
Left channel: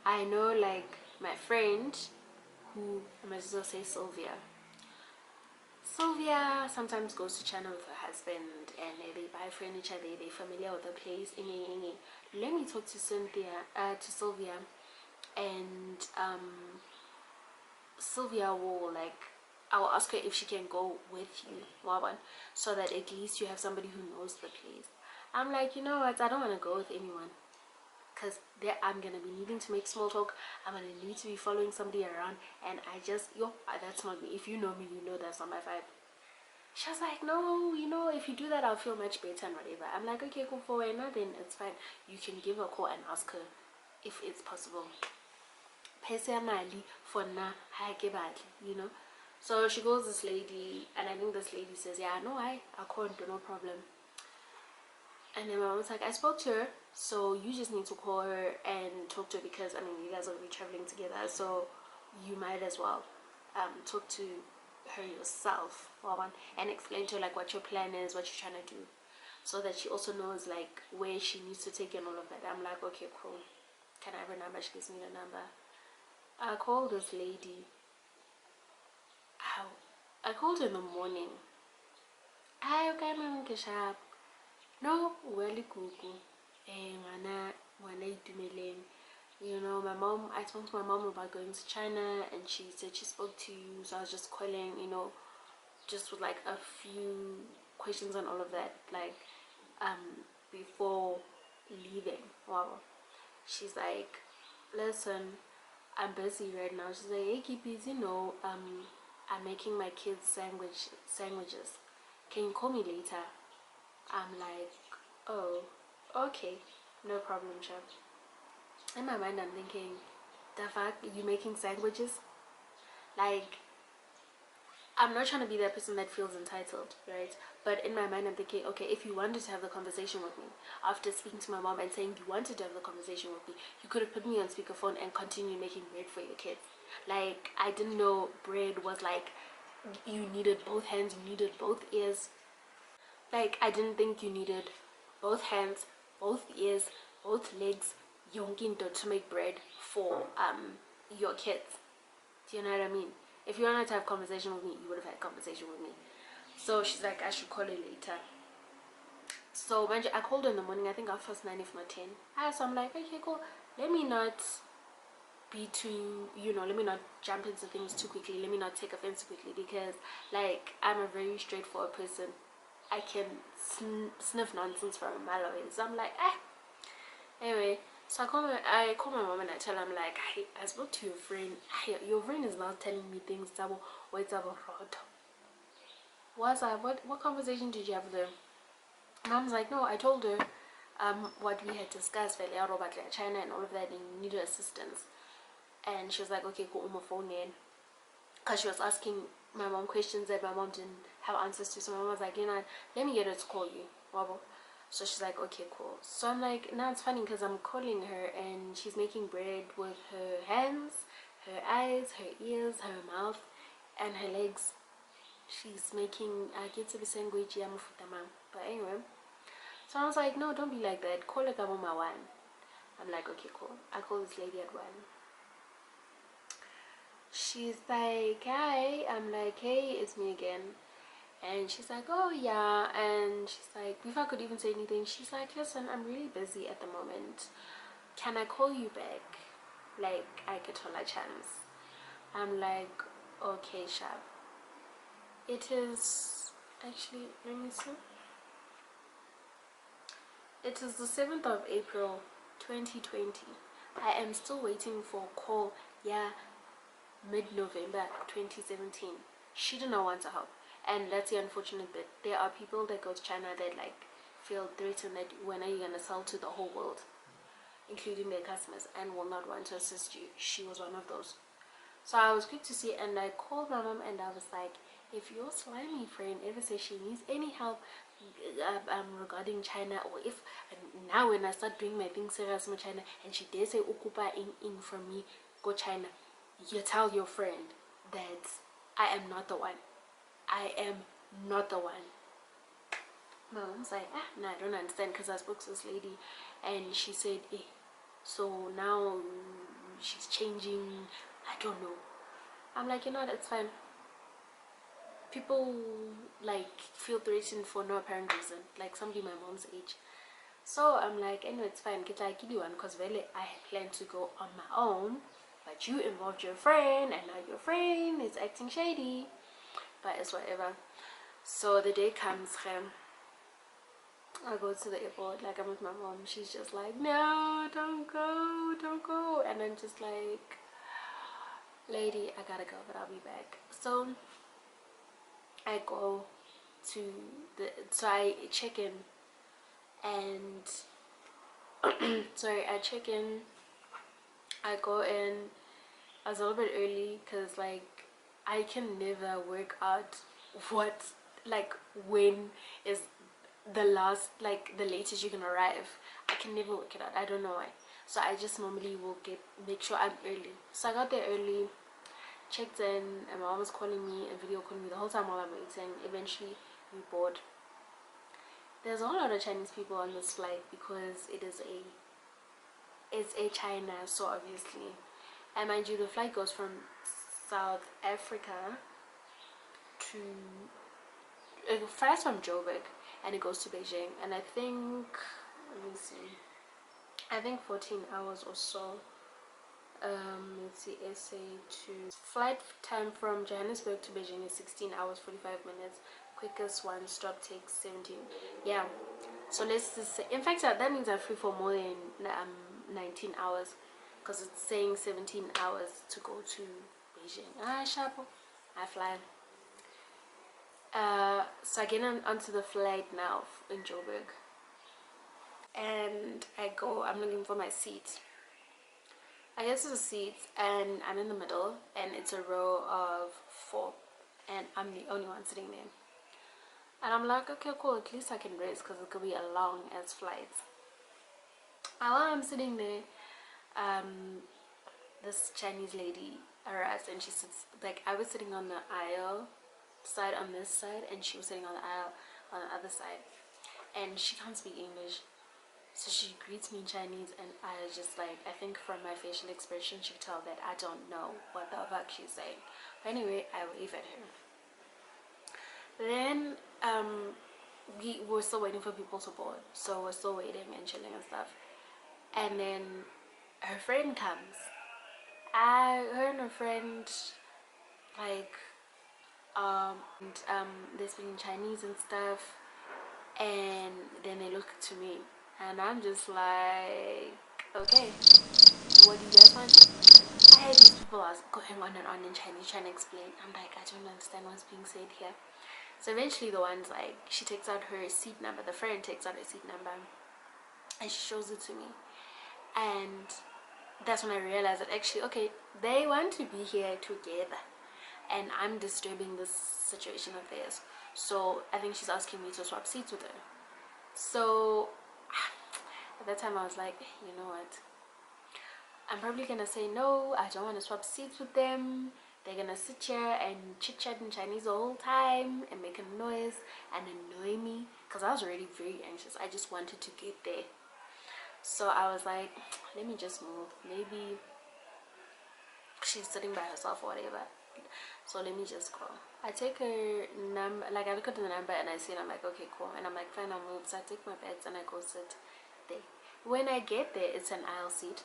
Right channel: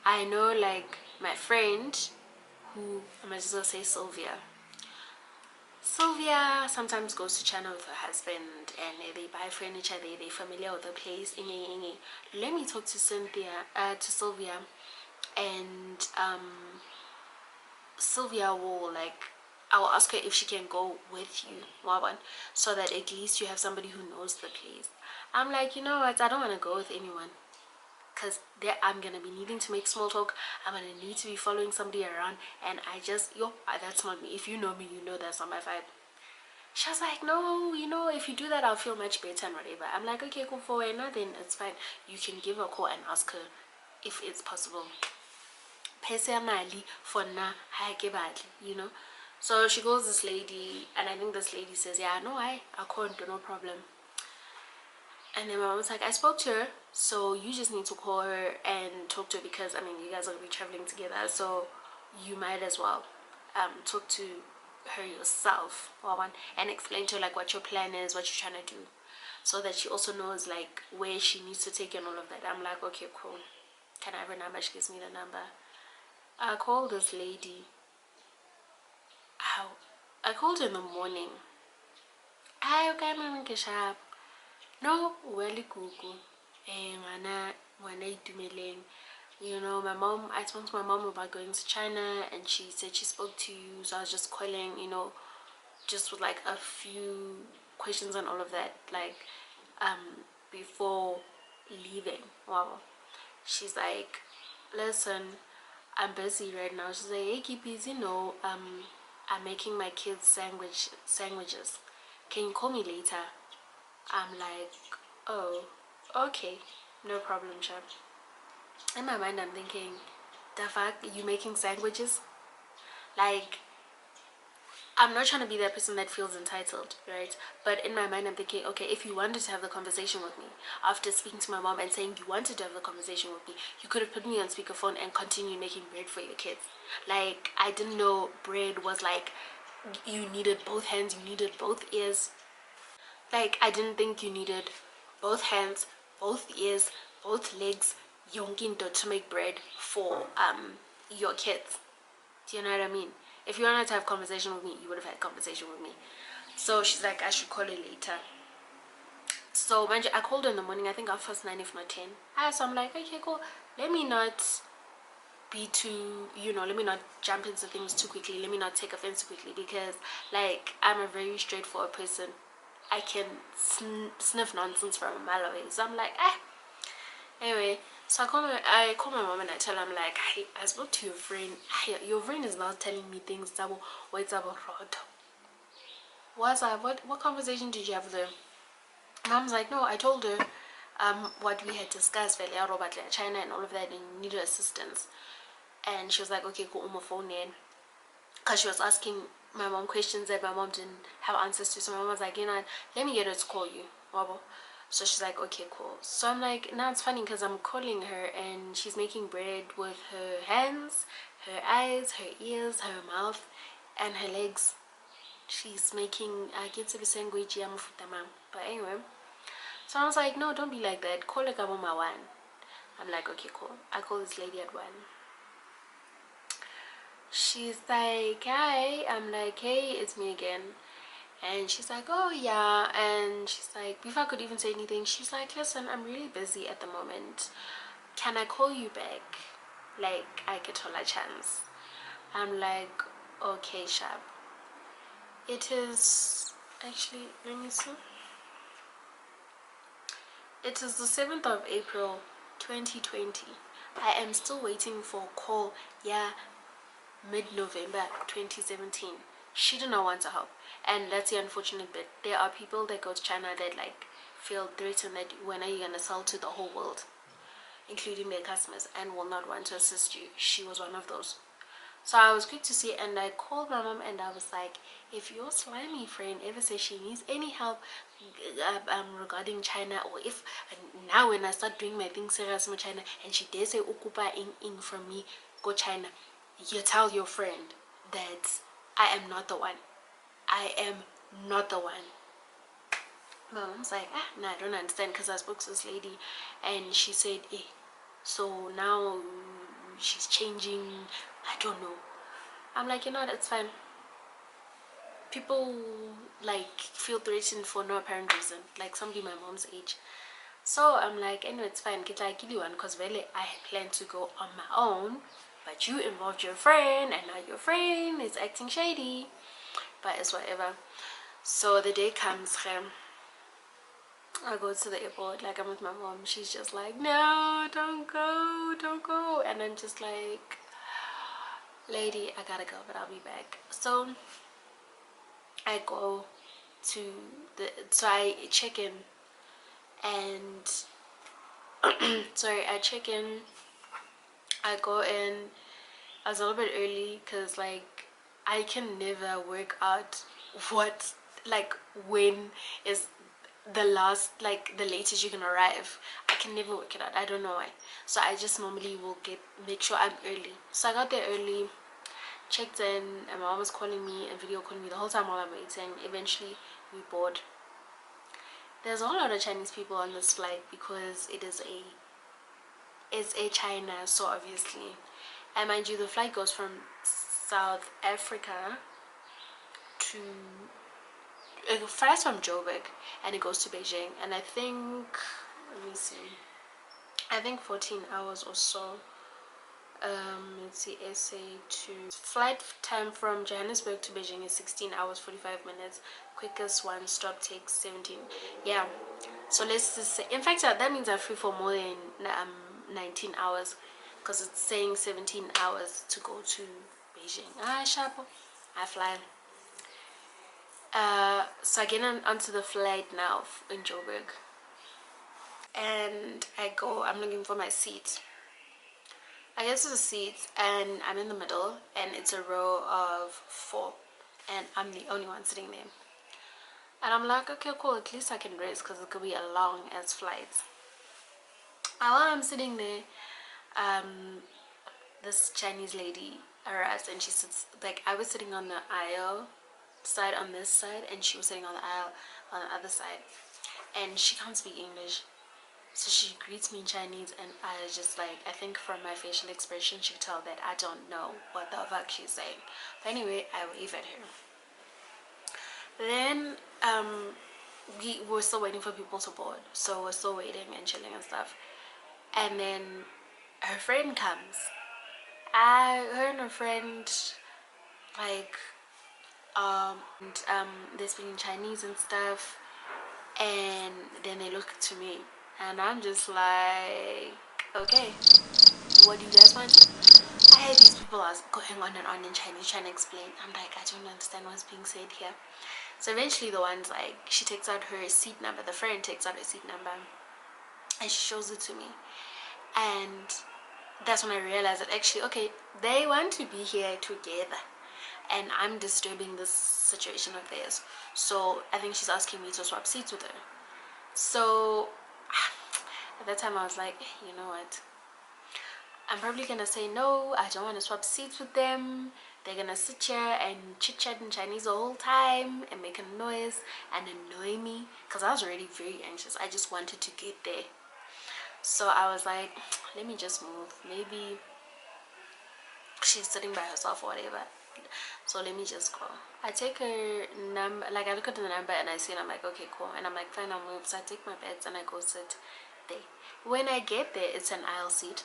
I know, like, my friend, who I might as well say Sylvia sometimes goes to China with her husband, and they buy furniture there. They're familiar with the place. Let me talk to Sylvia, and Sylvia will, like, I will ask her if she can go with you, Wawan, so that at least you have somebody who knows the place. I'm like, you know what, I don't want to go with anyone, because I'm gonna be needing to make small talk. I'm gonna need to be following somebody around, and that's not me. If you know me, you know that's not my vibe. She was like, no, if you do that, I'll feel much better and whatever. I'm like, okay, cool, for now then it's fine. You can give her a call and ask her if it's possible. personally for na you know. So she calls this lady, and I think this lady says, yeah, no, I can't do, no problem. And then my mom was like, I spoke to her, so you just need to call her and talk to her, because I mean, you guys are gonna be traveling together, so you might as well talk to her yourself, and explain to her like what your plan is, what you're trying to do, so that she also knows like where she needs to take you and all of that. I'm like, okay, cool. Can I have her number? She gives me the number. I called this lady. How? I called her in the morning. Hi, okay, mama, sharp. No, well, kuku. Ngwana itumeleng. You know, my mom, I spoke to my mom about going to China, and she said she spoke to you, so I was just calling, you know, just with like a few questions and all of that, like before leaving. Wow. She's like, listen, I'm busy right now. She's like, hey, keep busy. No, I'm making my kids sandwiches. Can you call me later? I'm like, oh, okay, no problem, chap. In my mind, I'm thinking, the fuck, you making sandwiches? Like, I'm not trying to be that person that feels entitled, right? But in my mind, I'm thinking, okay, if you wanted to have the conversation with me, after speaking to my mom and saying you wanted to have the conversation with me, you could have put me on speakerphone and continued making bread for your kids. Like, I didn't know bread was like, you needed both hands, you needed both ears. Like, I didn't think you needed both hands, both ears, both legs, yonkinto to make bread for your kids. Do you know what I mean? If you wanted to have conversation with me, you would have had conversation with me. So she's like, I should call her later. So I called her in the morning, I think our first 9 if not 10. So I'm like, okay, cool. Let me not be too, you know, let me not jump into things too quickly. Let me not take offense too quickly, because like, I'm a very straightforward person. I can sniff nonsense from a mile away. So I'm like, anyway, so I call my mom and I tell her, I'm like, hey, I spoke to your friend. Hey, your friend is now telling me things about what's about road. What's up? What conversation did you have with her? Mom's like, no, I told her what we had discussed, about China and all of that, and you needed assistance. And she was like, okay, cool, my phone in. Because she was asking my mom questions that my mom didn't have answers to. So my mom was like, you know, let me get her to call you. So she's like, okay, cool. So I'm like, now it's funny because I'm calling her and she's making bread with her hands, her eyes, her ears, her mouth, and her legs. She's making a sandwich. But anyway, so I was like, no, don't be like that. Call her Kaboma 1. I'm like, okay, cool. I call this lady at 1. She's like, hi. I'm like, hey, it's me again. And she's like, oh yeah. And she's like, before I could even say anything, she's like, listen, I'm really busy at the moment. Can I call you back? Like, I get all a chance. I'm like, okay, sharp. It is actually, let me see. It is the 7th of April 2020. I am still waiting for a call. Yeah, mid-November 2017. She did not want to help, and that's the unfortunate bit. There are people that go to China that like feel threatened that when are you gonna sell to the whole world, including their customers, and will not want to assist you. She was one of those. So I was quick to see, and I called my mom and I was like, if your slimy friend ever says she needs any help regarding China, or if now when I start doing my thing serious with China and she dare say ukupa in from me, go China, you tell your friend that I am not the one. I am not the one. My mom's like, no, I don't understand, because I spoke to this lady and she said, so now she's changing. I don't know. I'm like, you know what, it's fine. People like feel threatened for no apparent reason, like somebody my mom's age. So I'm like, anyway, it's fine, get like you one, because really I had planned to go on my own, but you involved your friend and now your friend is acting shady. But it's whatever. So the day comes, I go to the airport, like I'm with my mom. She's just like, no, don't go. And I'm just like, lady, I gotta go, but I'll be back. So I go to so I check in, and sorry, I check in, I go in, I was a little bit early because like I can never work out what like when is the last, like the latest you can arrive. I can never work it out. I don't know why. So I just normally will make sure I'm early. So I got there early, checked in, and my mom was calling me and video calling me the whole time while I'm waiting. Eventually we board. There's a whole lot of Chinese people on this flight because it's a China, so obviously. And mind you, the flight goes from South Africa to, it flies from Joburg and it goes to Beijing, and I think, let me see, I think 14 hours or so. Let's see, SA to flight time from Johannesburg to Beijing is 16 hours 45 minutes. Quickest one stop takes 17. Yeah, so let's just say, in fact, that means I'm free for more than 19 hours because it's saying 17 hours to go to Beijing. Shapo, I fly. So I get onto the flight now in Joburg, and I'm looking for my seat. I guess it's a seat, and I'm in the middle, and it's a row of 4, and I'm the only one sitting there. And I'm like, okay, cool, at least I can rest because it could be a long ass flight. And while I'm sitting there, this Chinese lady arrives, and she sits, like, I was sitting on the aisle side on this side, and she was sitting on the aisle on the other side, and she can't speak English. So she greets me in Chinese, and I was just like, I think from my facial expression, she could tell that I don't know what the fuck she's saying. But anyway, I wave at her. Then we were still waiting for people to board, so we're still waiting and chilling and stuff. And then her friend comes. Her and her friend, like, they're speaking Chinese and stuff, and then they look to me, and I'm just like, okay, what do you guys want? I had these people are going on and on in Chinese trying to explain. I'm like, I don't understand what's being said here. So eventually the one's like, she takes out her seat number, the friend takes out her seat number, and she shows it to me. And that's when I realized that actually, okay, they want to be here together, and I'm disturbing this situation of theirs. So I think she's asking me to swap seats with her. So at that time I was like, you know what, I'm probably gonna say no, I don't want to swap seats with them. They're gonna sit here and chit chat in Chinese the whole time and make a noise and annoy me because I was already very anxious. I just wanted to get there. So I was like, let me just move. Maybe she's sitting by herself or whatever. So let me just go. I take her number, like I look at the number and I see it, I'm like, okay, cool. And I'm like, fine, I'll move. So I take my bags and I go sit there. When I get there, it's an aisle seat,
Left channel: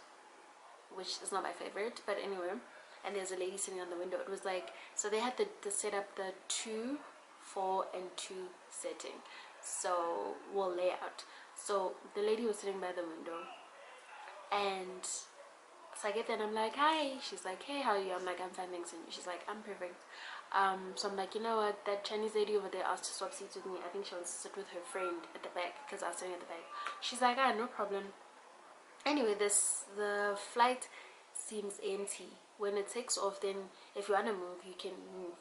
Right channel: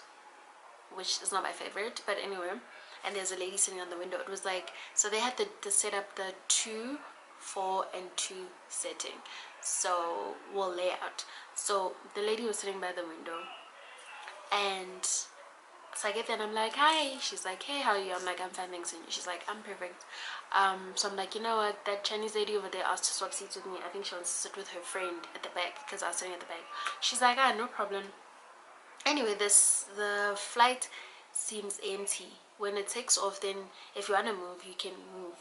which is not my favorite, but anyway. And there's a lady sitting on the window. It was like, so they had to set up the 2, 4, and 2 setting. So, well, layout. So the lady was sitting by the window, and so I get there and I'm like, hi. She's like, hey, how are you? I'm like, I'm fine, thanks. And she's like, I'm perfect. So I'm like, you know what, that Chinese lady over there asked to swap seats with me. I think she wants to sit with her friend at the back because I was sitting at the back. She's like, no problem. Anyway, the flight seems empty. When it takes off, then if you want to move, you can move.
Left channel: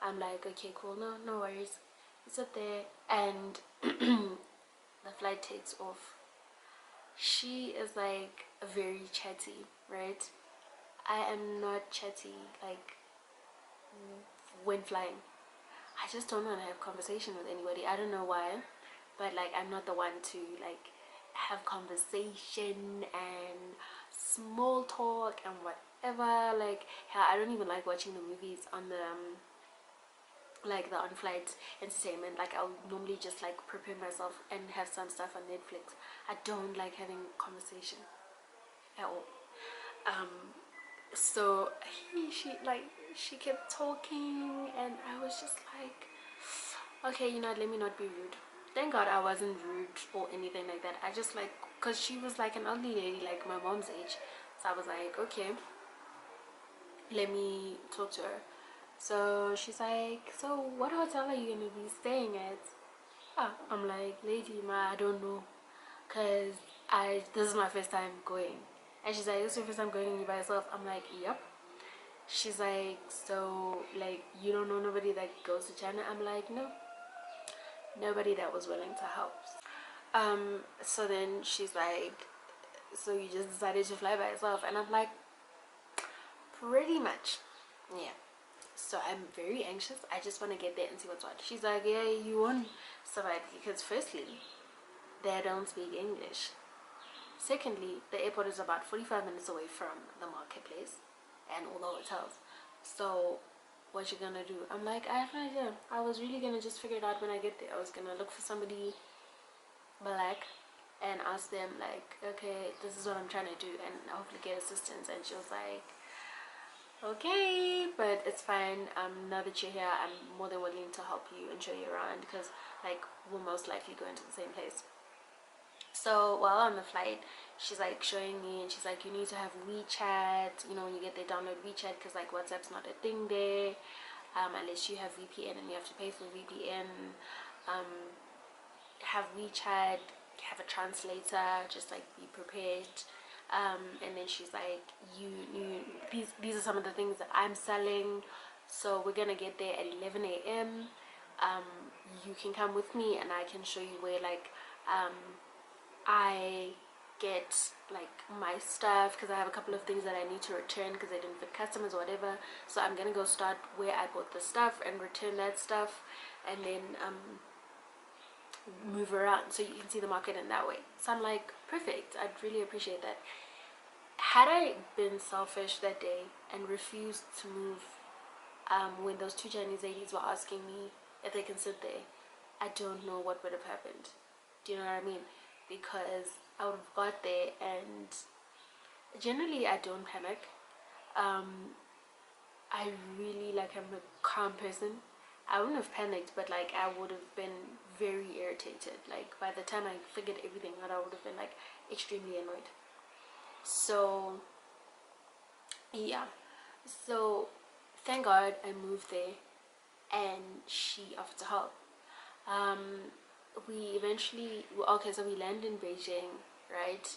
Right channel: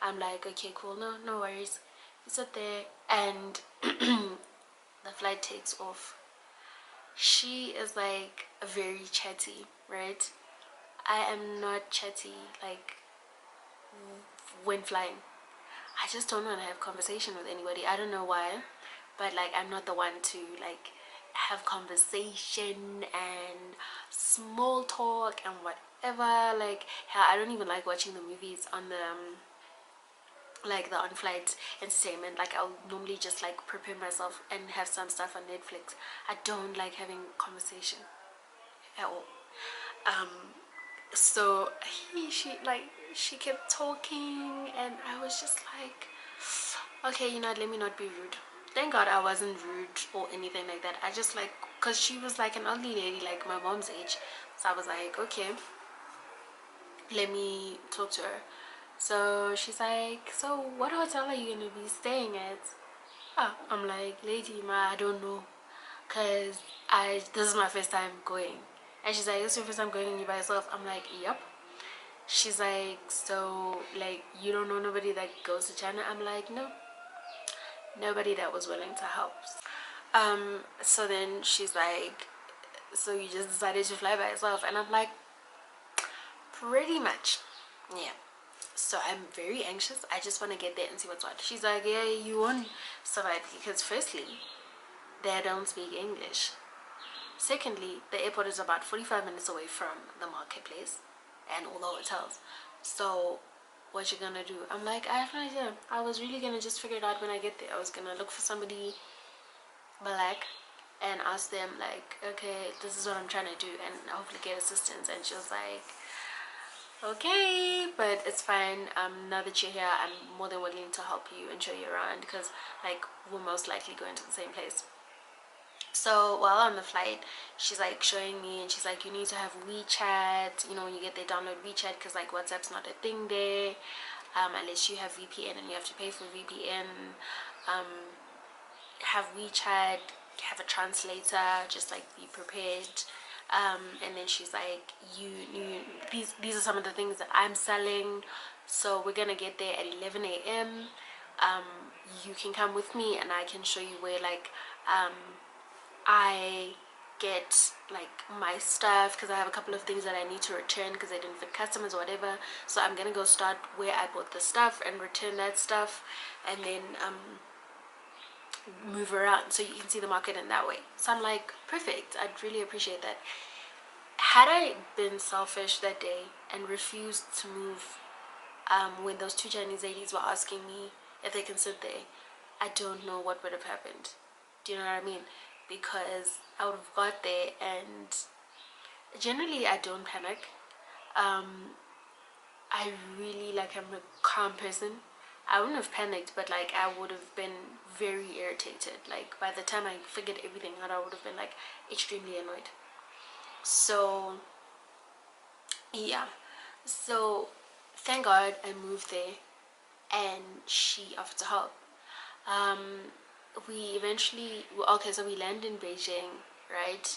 I'm like, okay, cool, no worries. We sit there, and the flight takes off. She is like very chatty, right? I am not chatty, like, when flying. I just don't want to have conversation with anybody. I don't know why, but like, I'm not the one to like have conversation and small talk and whatever. Like, hell, I don't even like watching the movies on the like the on-flight entertainment. Like, I'll normally just like prepare myself and have some stuff on Netflix. I don't like having conversation at all. So she kept talking, and I was just like, okay, you know what, let me not be rude. Thank God I wasn't rude or anything like that. I just like, because she was like an ugly lady, like my mom's age. So I was like, okay, let me talk to her. So she's like, so what hotel are you gonna be staying at? I'm like, lady, I don't know, cause this is my first time going. And she's like, this is your first time going and you by yourself? I'm like, yep. She's like, so like you don't know nobody that goes to China? I'm like, no, nobody that was willing to help. So then she's like, so you just decided to fly by yourself? And I'm like, pretty much, yeah. So I'm very anxious. I just want to get there and see what's what. She's like, yeah, you won't survive because firstly, they don't speak English. Secondly, the airport is about 45 minutes away from the marketplace and all the hotels. So what you gonna do? I'm like, I have no idea. I was really gonna just figure it out when I get there. I was gonna look for somebody black and ask them like, okay, this is what I'm trying to do, and hopefully get assistance. And she was like, okay, but it's fine. Now that you're here, I'm more than willing to help you and show you around, because like we're most likely going to the same place. So while on the flight, she's like showing me, and she's like, you need to have WeChat, you know, when you get there, download WeChat, because like WhatsApp's not a thing there, unless you have VPN, and you have to pay for VPN. Have WeChat, have a translator, just like be prepared. And then she's like, these are some of the things that I'm selling, so we're gonna get there at 11 a.m. You can come with me and I can show you where like I get like my stuff, because I have a couple of things that I need to return because they didn't fit customers or whatever. So I'm gonna go start where I bought the stuff and return that stuff, and then move around so you can see the market in that way. So I'm like, perfect, I'd really appreciate that. Had I been selfish that day and refused to move when those two Chinese ladies were asking me if they can sit there, I don't know what would have happened. Do you know what I mean? Because I would have got there, and generally I don't panic. I really, like, I'm a calm person. I wouldn't have panicked, but like I would have been very irritated. Like by the time I figured everything out, I would have been like extremely annoyed. So yeah, so thank God I moved there and she offered to help. We eventually, okay, so we land in Beijing, right?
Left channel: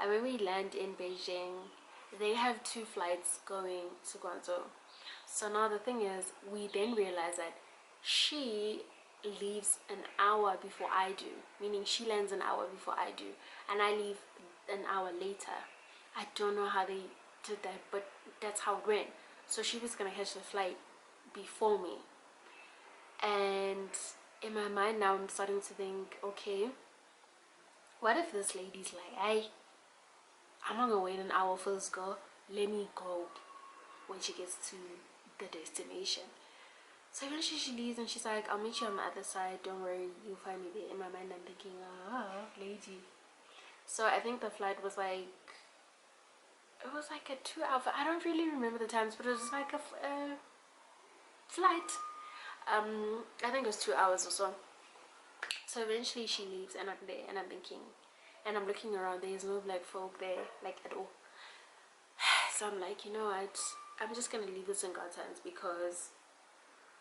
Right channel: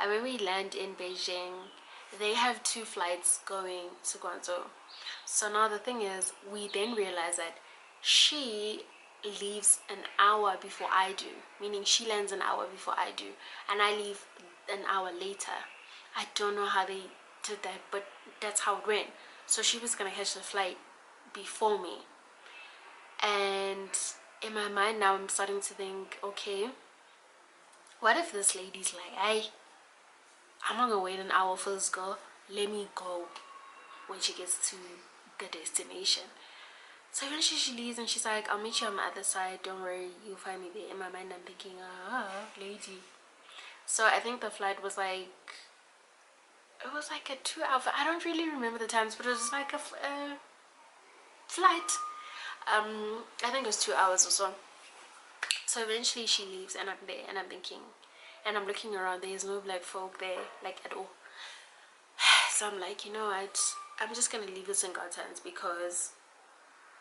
And when we land in Beijing, they have two flights going to Guangzhou. So now the thing is, we then realize that she leaves an hour before I do, meaning she lands an hour before I do, and I leave an hour later. I don't know how they did that, but that's how it went. So she was gonna catch the flight before me, and in my mind now I'm starting to think, okay, what if this lady's like, I'm not gonna wait an hour for this girl, let me go when she gets to the destination. So eventually she leaves and she's like, I'll meet you on the other side, don't worry, you'll find me there. In my mind I'm thinking, lady. So I think the flight was like, it was like a 2 hour, I don't really remember the times, but it was like a flight. I think it was 2 hours or so. So eventually she leaves and I'm there and I'm thinking, and I'm looking around, there's no black folk there, like at all. So I'm like, you know what, I'm just gonna leave this in God's hands, because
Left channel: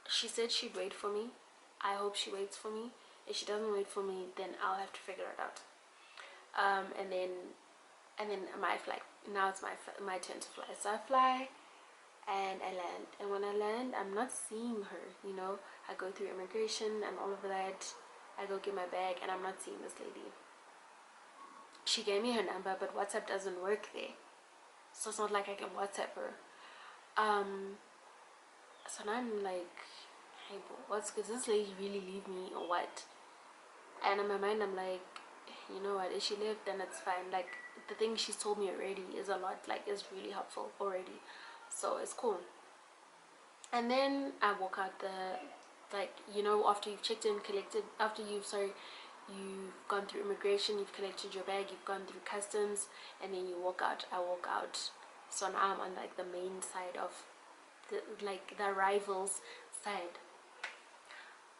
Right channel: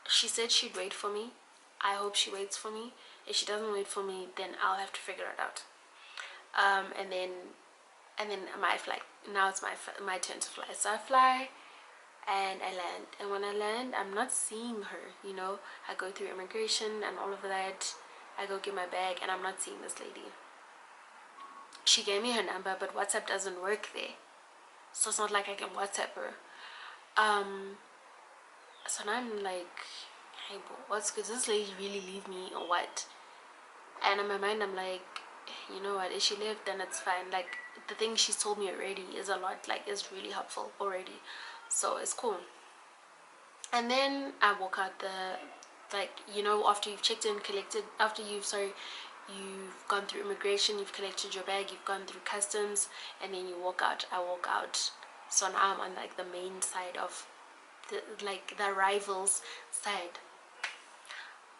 she said she'd wait for me. I hope she waits for me. If she doesn't wait for me, then I'll have to figure it out. And then my flight, now it's my turn to fly. So I fly and I land, and when I land, I'm not seeing her, you know. I go through immigration and all of that. I go get my bag and I'm not seeing this lady. She gave me her number, but WhatsApp doesn't work there, so it's not like I can WhatsApp her. So now I'm like, hey bro, what's good? Does this lady really leave me or what? And in my mind I'm like, you know what, if she left, then it's fine. Like the thing she's told me already is a lot, like is really helpful already, so it's cool. And then I walk out the, like, you know, after you've checked in, collected, after you've gone through immigration, you've collected your bag, you've gone through customs, and then you walk out. I walk out. So now I'm on like the main side of the arrivals side.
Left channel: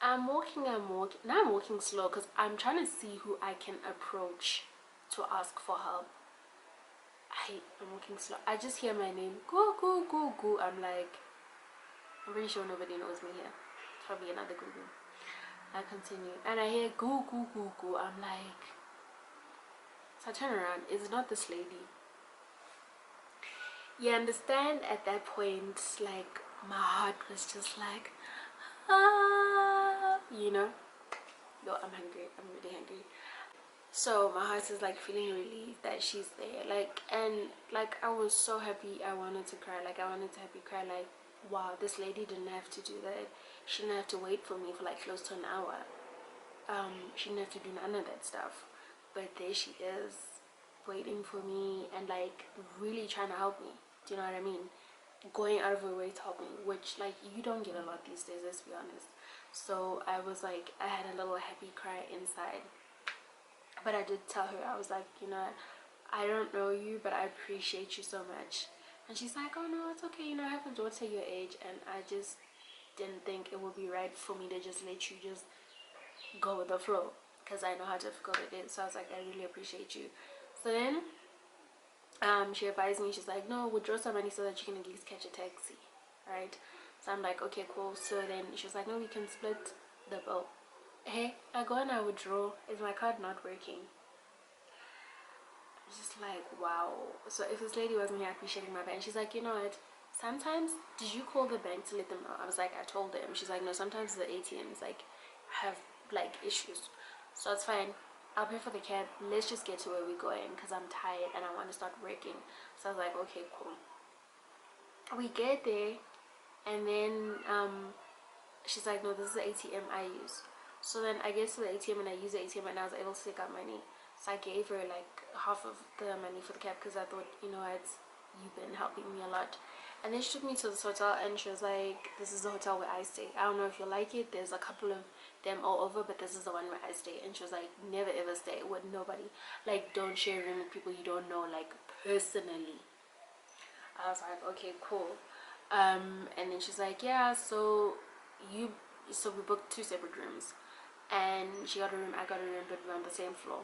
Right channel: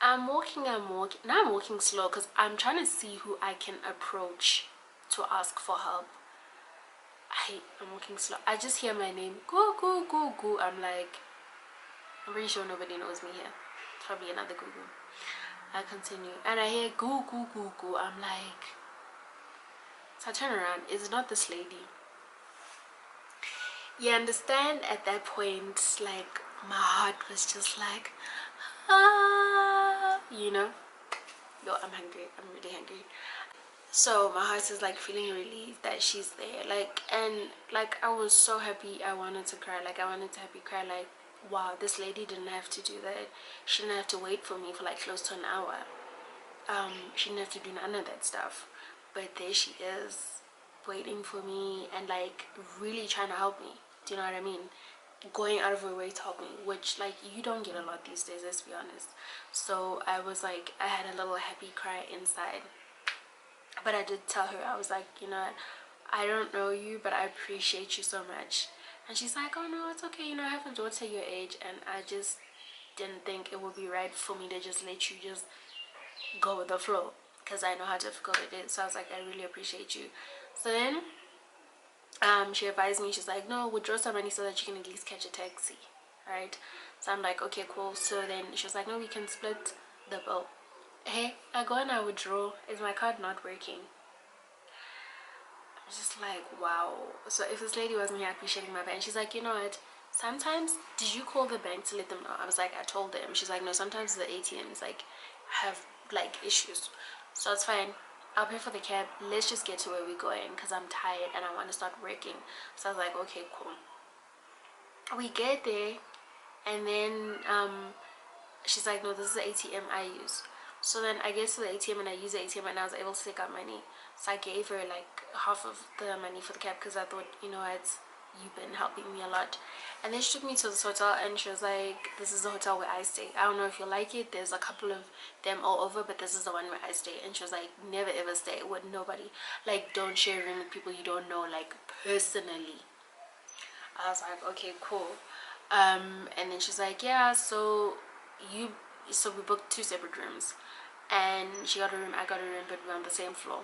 I'm walking, now I'm walking slow because I'm trying to see who I can approach to ask for help. I'm walking slow. I just hear my name, go go go go. I'm like, I'm pretty sure nobody knows me here. Probably another Google. I continue and I hear go go go go. I'm like, so I turn around. It's not this lady. You understand, at that point, like, my heart was just like, ah, you know. Yo, I'm hungry, I'm really hungry. So my heart is like feeling relieved that she's there, like, and like I was so happy. I wanted to cry, like I wanted to happy cry, like, wow, this lady didn't have to do that. She didn't have to wait for me for like close to an hour. She didn't have to do none of that stuff, but there she is, waiting for me and like really trying to help me. Do you know what I mean? Going out of her way to help me, which like you don't get a lot these days, let's be honest. So I was like, I had a little happy cry inside. But I did tell her, I was like, you know, I don't know you, but I appreciate you so much. And she's like, oh no, it's okay, you know, I have a daughter your age, and I just didn't think it would be right for me to just let you just go with the flow, because I know how difficult it is. So I was like, I really appreciate you. So then she advised me, she's like, no, withdraw some money so that you can at least catch a taxi, right? So I'm like, okay, cool. So then she was like, no, we can split the bill. Hey, I go and I withdraw. Is my card not working? I'm just like, wow. So if this lady wasn't here, I'd be shitting my pants. She's like, you know what, sometimes, did you call the bank to let them know? I was like, I told them. She's like, no, sometimes the ATMs like have like issues, so it's fine, I'll pay for the cab, let's just get to where we're going, because I'm tired and I want to start working. So I was like, okay, cool. We get there, and then she's like, no, this is the ATM I use. So then I get to the ATM and I use the ATM and I was able to take out money. So I gave her like half of the money for the cab, because I thought, you know what, you've been helping me a lot. And then she took me to this hotel and she was like, this is the hotel where I stay. I don't know if you like it. There's a couple of them all over, but this is the one where I stay. And she was like, never ever stay with nobody. Like, don't share a room with people you don't know, like, personally. I was like, okay, cool. And then she's like, yeah, you so we booked two separate rooms, and she got a room, I got a room, but we're on the same floor.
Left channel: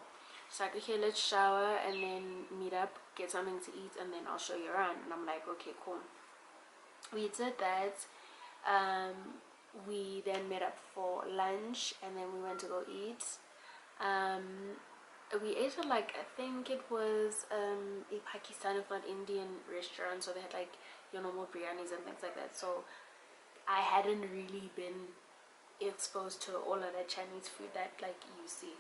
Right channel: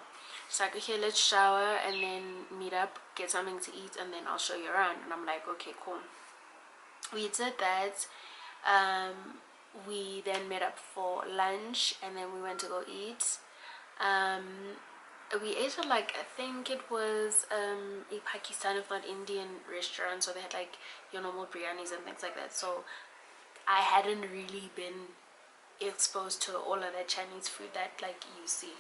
She's like, okay, let's shower and then meet up, get something to eat, and then I'll show you around. And I'm like, okay, cool. We did that. We then met up for lunch, and then we went to go eat. um we ate at, like, I think it was a Pakistan, if not Indian, restaurant. So they had like your normal biryanis and things like that. So I hadn't really been exposed to all of that Chinese food that like you see.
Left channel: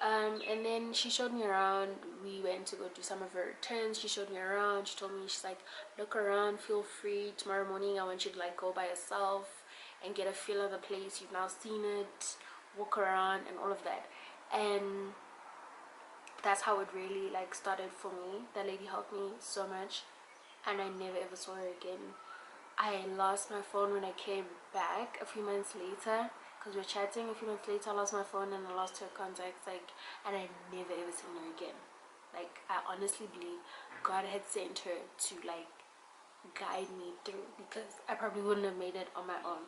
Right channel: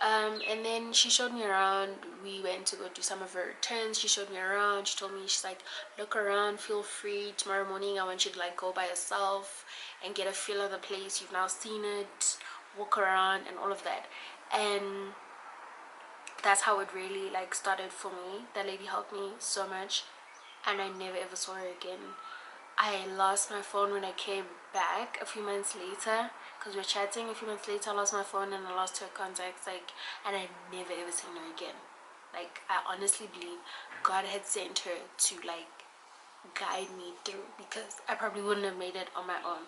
And then she showed me around. We went to go do some of her turns. She showed me around. She told me, she's like, look around, feel free. Tomorrow morning I want you to like go by yourself and get a feel of the place. You've now seen it, walk around and all of that. And that's how it really like started for me. That lady helped me so much, and I never ever saw her again. I lost my phone when I came back a few months later, because we were chatting. A few months later I lost my phone and I lost her contacts, like, and I never ever seen her again. Like, I honestly believe God had sent her to like guide me through, because I probably wouldn't have made it on my own.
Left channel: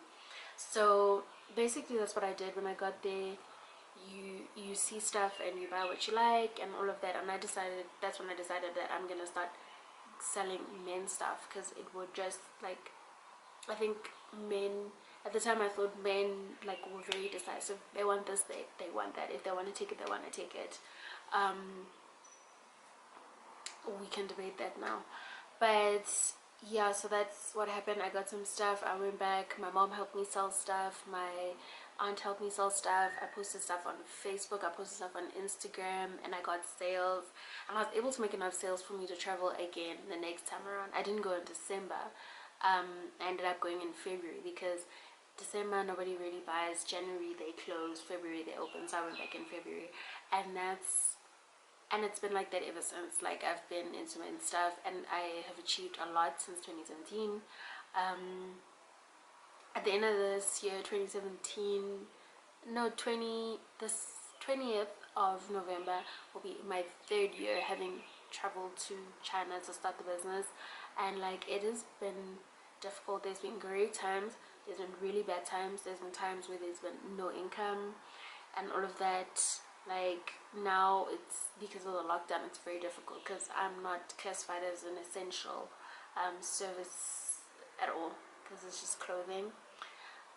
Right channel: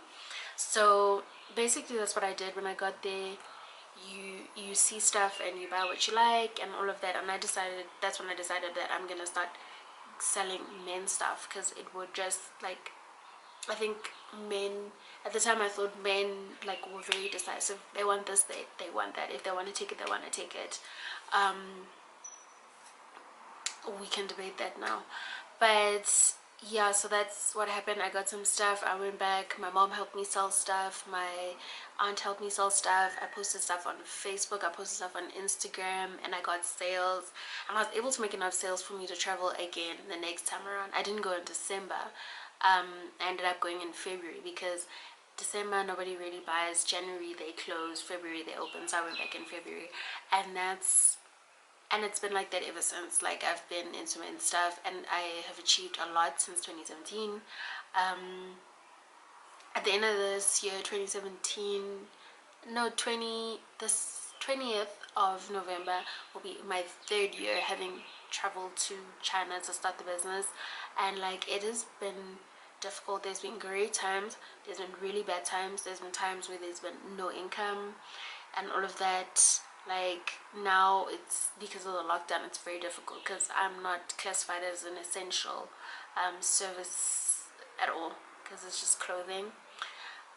So basically that's what I did. When I got there, you see stuff and you buy what you like and all of that. And I decided, that's when I decided that I'm gonna start selling men stuff, because it would just like, I think men at the time, I thought men like were very decisive. They want this, they want that. If they want to take it, they want to take it. We can debate that now, but yeah, so that's what happened. I got some stuff, I went back, my mom helped me sell stuff, my aunt helped me sell stuff, I posted stuff on Facebook, I posted stuff on Instagram, and I got sales, and I was able to make enough sales for me to travel again the next time around. I didn't go in December. I ended up going in February, because December nobody really buys, January they close, February they open. So I went back in February, and it's been like that ever since. Like, I've been into men stuff, and I have achieved a lot since 2017. At the end of this year, 2017, no, 20th of November will be my third year having traveled to China to start the business. And like, it has been difficult. There's been great times, there's been really bad times, there's been times where there's been no income and all of that. Like, now it's because of the lockdown, it's very difficult, because I'm not classified as an essential service at all, because it's just clothing.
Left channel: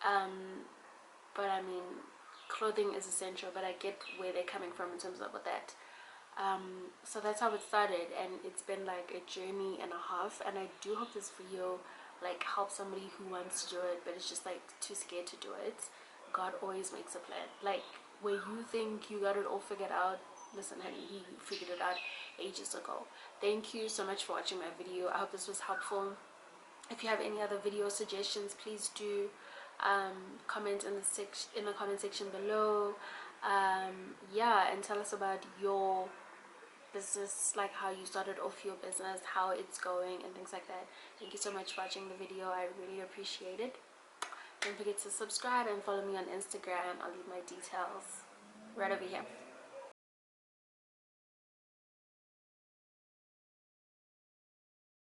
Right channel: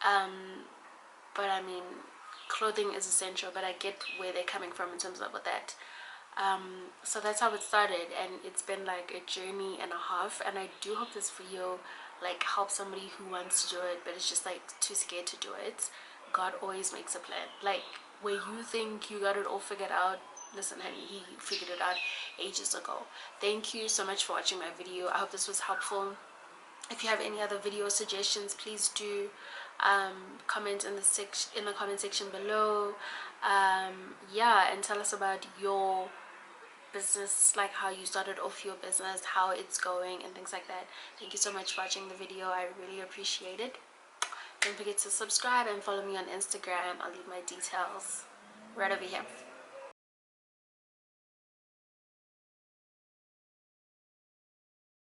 But I mean, clothing is essential, but I get where they're coming from in terms of with that. So that's how it started, and it's been like a journey and a half, and I do hope this video like helps somebody who wants to do it but is just like too scared to do it. God always makes a plan. Like where you think you got it all figured out, listen honey, he figured it out ages ago. Thank you so much for watching my video. I hope this was helpful. If you have any other video suggestions, please do comment in the comment section below. Yeah, and tell us about your business, like how you started off your business, how it's going, and things like that. Thank you so much for watching the video. I really appreciate it. Don't forget to subscribe and follow me on Instagram. I'll leave my details right over here.